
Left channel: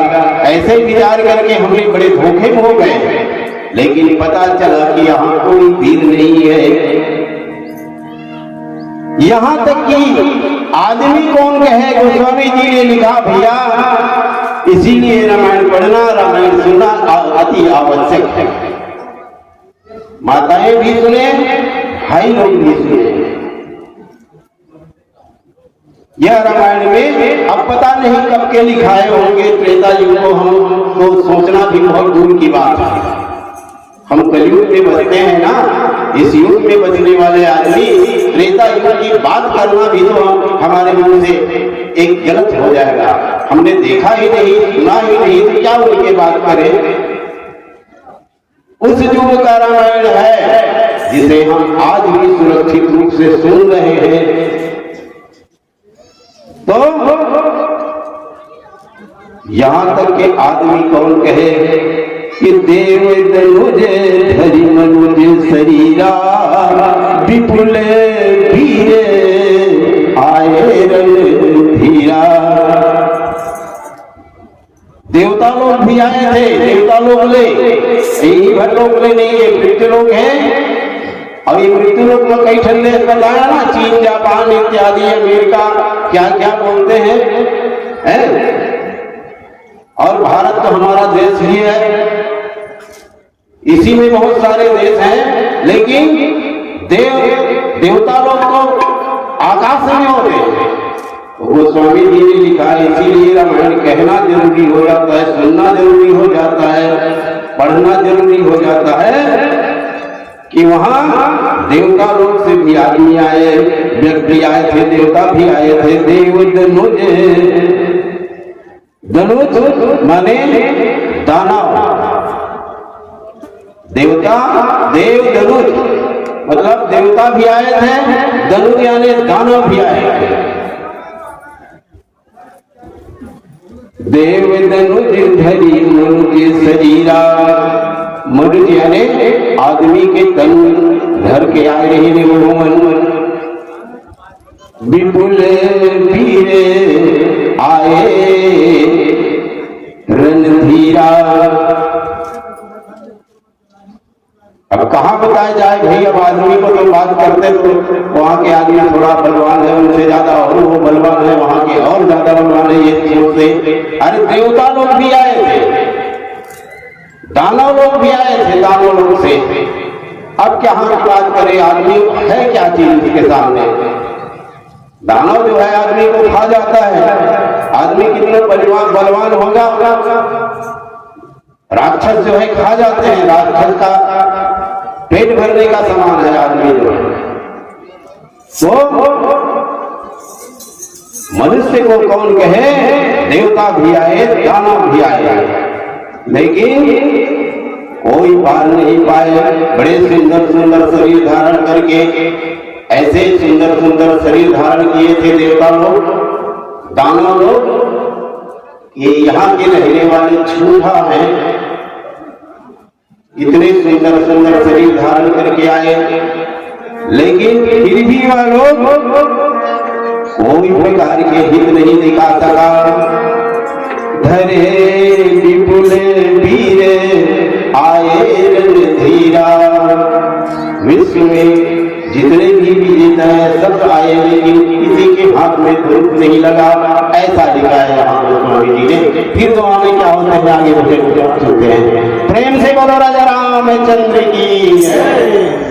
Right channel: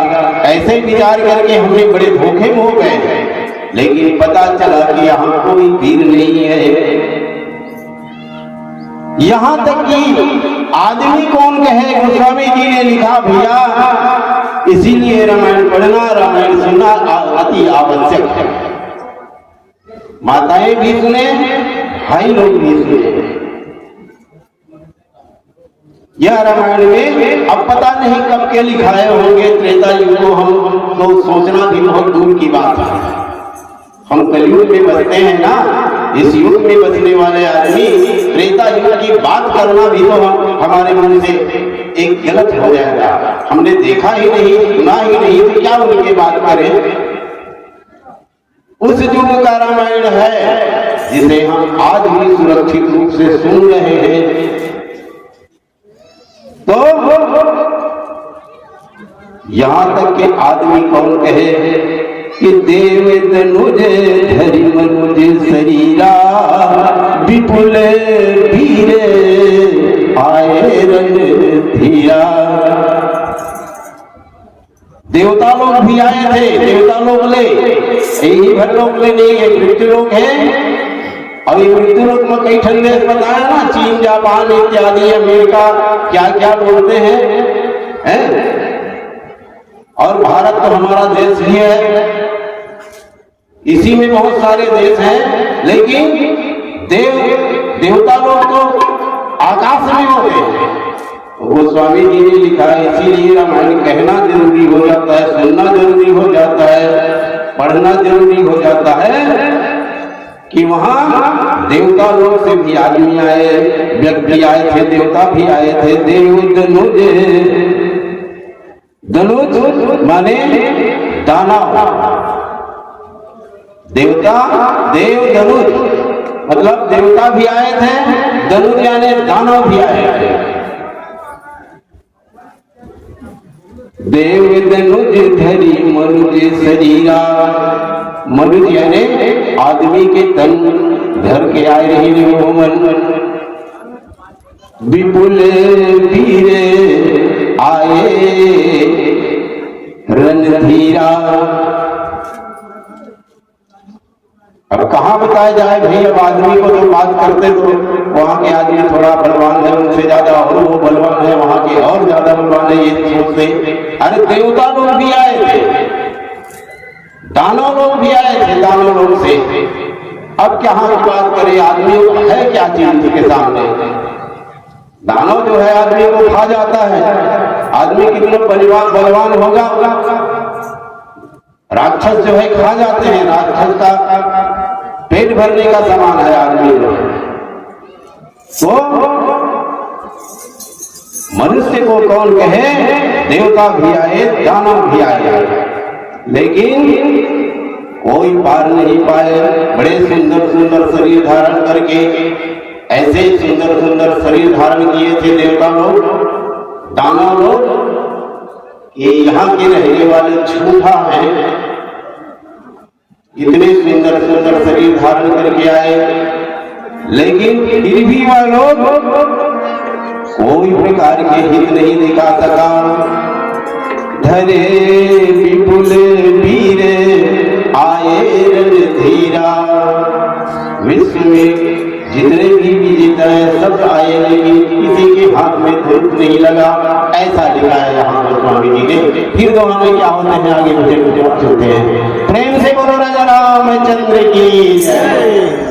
ऐसे विचार करके हमने बड़े धोखे में हो गए। लेकिन पता चला कि यहाँ कोई वीर नहीं है। यहाँ तक कि आदमी कौन कहे, गोस्वामी जी ने लिखा भैया, इसीलिए रामायण पढ़ना, रामायण सुनना अति आवश्यक है। माताएं भी सुने, भाई लोग भी सुने। यह रामायण में अब पता नहीं कब के लिखाए होंगे, त्रेता युग को हम तो सोचना भी बहुत दूर की बात है। हम कलयुग में बसते हैं ना, इस युग में बसने वाले आदमी त्रेता युग की बात करना भी तो हमारे मन से एक गलत हो जाएगा। हमने देखा ही नहीं, सुना ही नहीं, तो क्या उनके बात करें। उस युग का रामायण है जिसे हम आज भी सुरक्षित रूप से सुन रहे हैं। तो यहां तक के आदमी कौन कहे कि देव धनुज धरि मनुज शरीरा, विपुल वीर आए रणधीरा। देवता लोग भी आए थे, देवता लोग ले, यही भर लोग ले नहीं है, मृत्यु लोग है। और ये मृत्यु लोग में कई ठंडे बताया ना, चीन, जापान इत्यादि, अमेरिका, क्या क्या बोलते हैं? और भारत तो हमारा देश ही है, इसी में बहुत सारे देश हैं, लेकिन देवता लोग तो आकाश में होते हैं। गोस्वामी जी ने लिखा है, इसीलिए रामायण कहना जरूरी हो जाता है, सुनना जरूरी हो जाता है, पढ़ना जरूरी हो जाता है कि वहां देवता लोग से भी आदमी आए, व्यक्ति आए थे, देवता भी आए थे। देव धनुज, धनुज माने दानव, देवता देव धनुज मतलब देवता भी आए थे, धनुज यानी दानव भी आए थे। देव धनुज धरि मनुज शरीरा, मनुज यानी आदमी के तन धर के आए रही मोहन। विपुल वीर आए रणधीरा। अब कहाँ बताया जाए भाई, अब आदमी को तो बात करते तो वहां के आदमी थोड़ा बलवान है, उनसे ज्यादा और वो बलवान है, वहां के और ज्यादा बलवान है, ये सोचते। अरे देवता लोग भी आए थे, दानव लोग भी आए थे, दानव लोग से। अब क्या हम बात करें, आदमी है क्या चीज उसके सामने। दानव जो है आदमी को खा जाता है, आदमी कितना बलवान होगा, राक्षस जो है खा जाते हैं। राक्षस का पेट भरने का सामान है आदमी तो मनुष्य को कौन कहे, देवता भी आए, दानव भी आए, लेकिन कोई पार नहीं पाए। बड़े सुंदर सुंदर शरीर धारण करके, ऐसे सुंदर सुंदर शरीर धारण किए थे देवता लोग, दानव लोग, ये यहाँ के रहने वाले झूठा हैं। इतने सुंदर सुंदर शरीर धारण करके आए, लेकिन फिर भी वह लोग कोई प्रकार के हित नहीं दिखा सका। धरे विपुल वीर आए धीरा, विश्व में जितने भी विजेता हैं सब आए, लेकिन किसी के हाथ में धूप नहीं लगा। ऐसा लिखा है यहाँ पर स्वामी जी ने। फिर जमाने क्या होते हैं आगे मुझे सुनते हैं। प्रेम से बोलो राजा रामचंद्र की जय।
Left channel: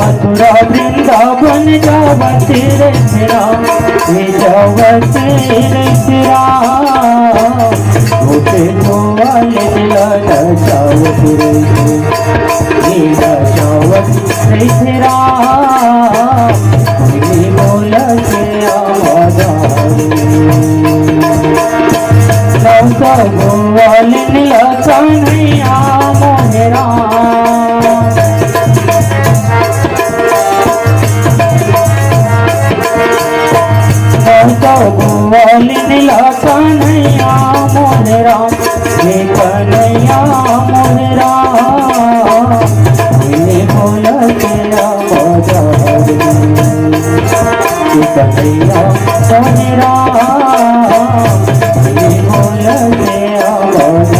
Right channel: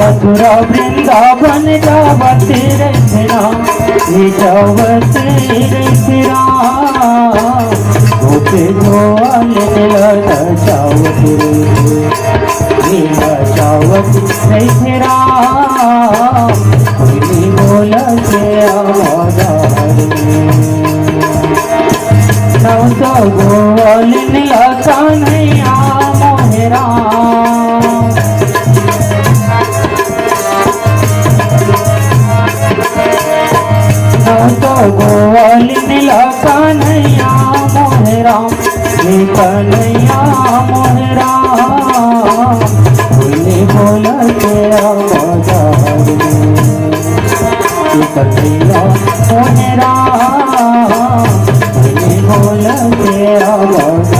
मथुरा वृंदावन गावते रे राम, गावते रे राम, होते गोवाले लगा जावते रे जावते रे राम, कोई बोला के आवाज राजा गोवाले लगा नैया मोहरा गोवाली दिला कन्हैया मोहरा, कन्हैया मोहरा, बोले बोला के आवाज कन्हैया मोहरा, बोले बोला के आवाज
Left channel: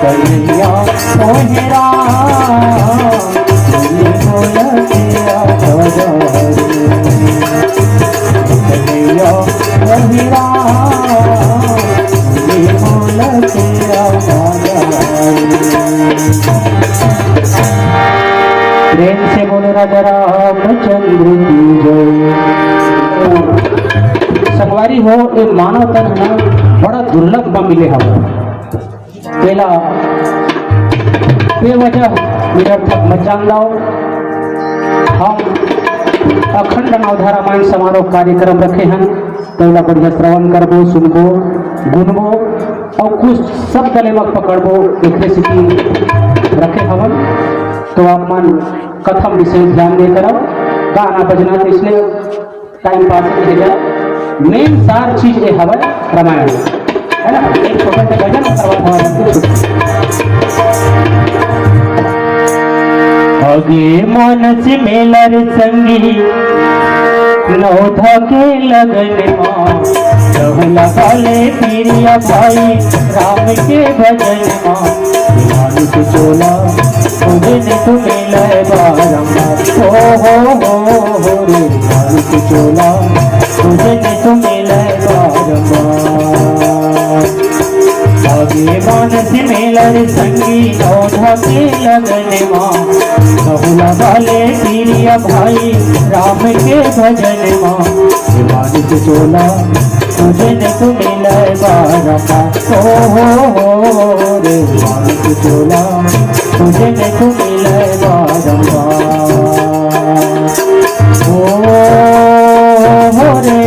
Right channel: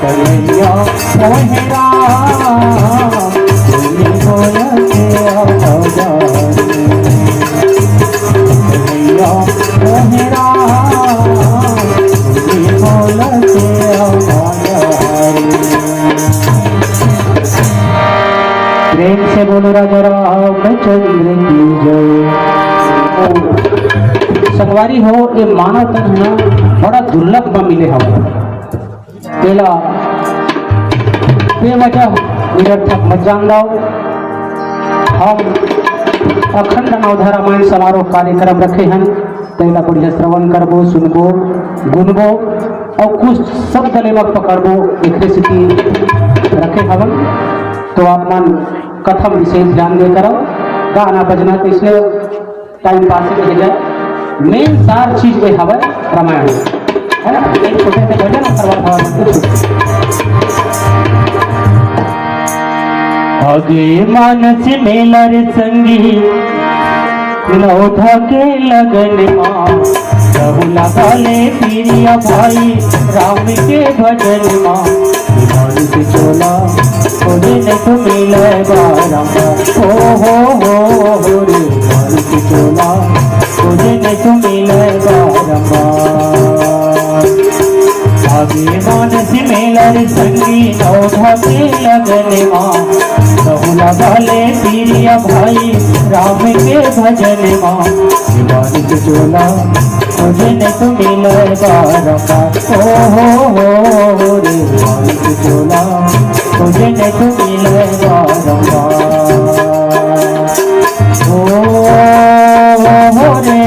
कन्हैया हे राम ये बोल तेरा बाजार कन्हैया हे राम ये बोल तेरा बाजार। प्रेम से बोलो राजा रामचंद्र की जय। संगवारी हो ये मानव तन है बड़ा दुर्लभ न मिले हम पहला बेवजह मिनट तक मत जान लो। हम अखंड नवधा रामायण समारोह कार्यक्रम रखे हैं पहला बढ़िया श्रवण करबो सुनबो गुनबो और कुछ शब्द लेवक पकड़बो एक रेसिपी रखे हवन तो आप मन कथम विशेष ध्यान दे करो गाना बजना तो इसलिए टाइम पास हो जाए। मेन सार चीज ये हवन रामायण है ना एक छोटा सा भजन और आगे मानस मेला रे संगी लौधा के लगन सबला पाले पीरिया भाई राम के भजन मानुष चोला तुझे तू मिला हो रे मानुष चोला तुझे तू मिला आगे मानस मेला रे संगी लौधा के लगन सबला पाले पीरिया भाई राम के भजन मानुष चोला तुझे तू मिला हो रे मानुष चोला तुझे तू मिला हो रे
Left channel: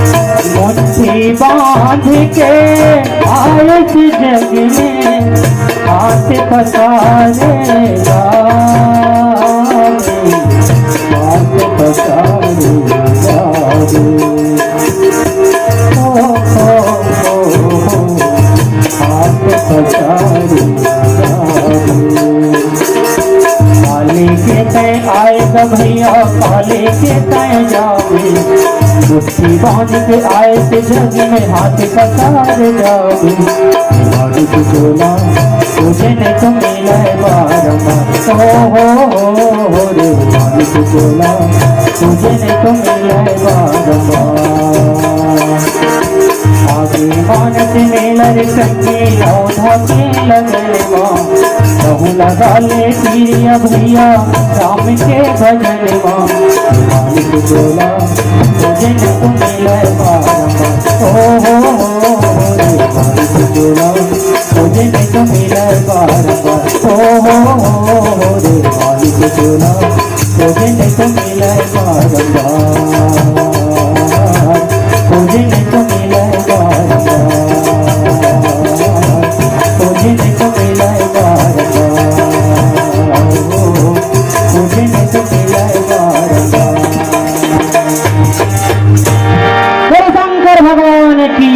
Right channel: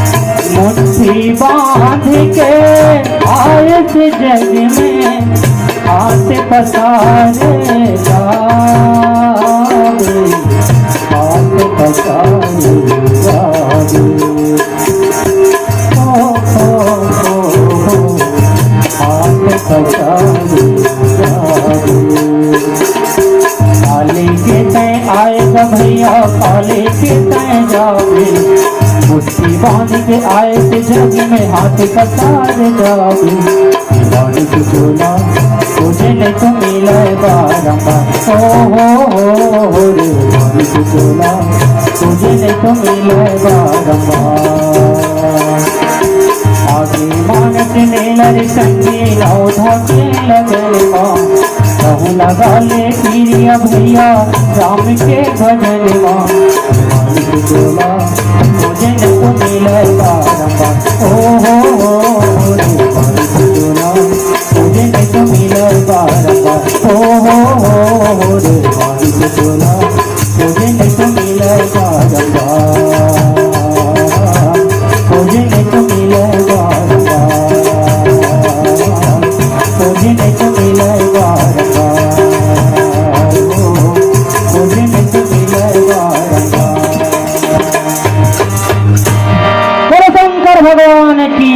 मुट्ठी बांध के आए थे जग में आते पसारे आते पसारे आते पसारे काले के तय आए भैया काले के तय जावे मुट्ठी बांध के आए थे जग में हाथी का सारे जादू मानुष चोला तुझे नहीं तो मिला हो रे मानुष चोला तुझे नहीं तो मिला आगे मानस मेला रे संगी लौधा के लगन सब लगा ले पीरिया भैया राम के भजन मानुष चोला तुझे नहीं तो मिला हो मानुष चोला तुझे नहीं तो मिला हो मानुष चोला तुझे नहीं तो मिला तुझे नहीं तो मिला तुझे नहीं तो मिला तुझे नहीं तो मिला भगवान की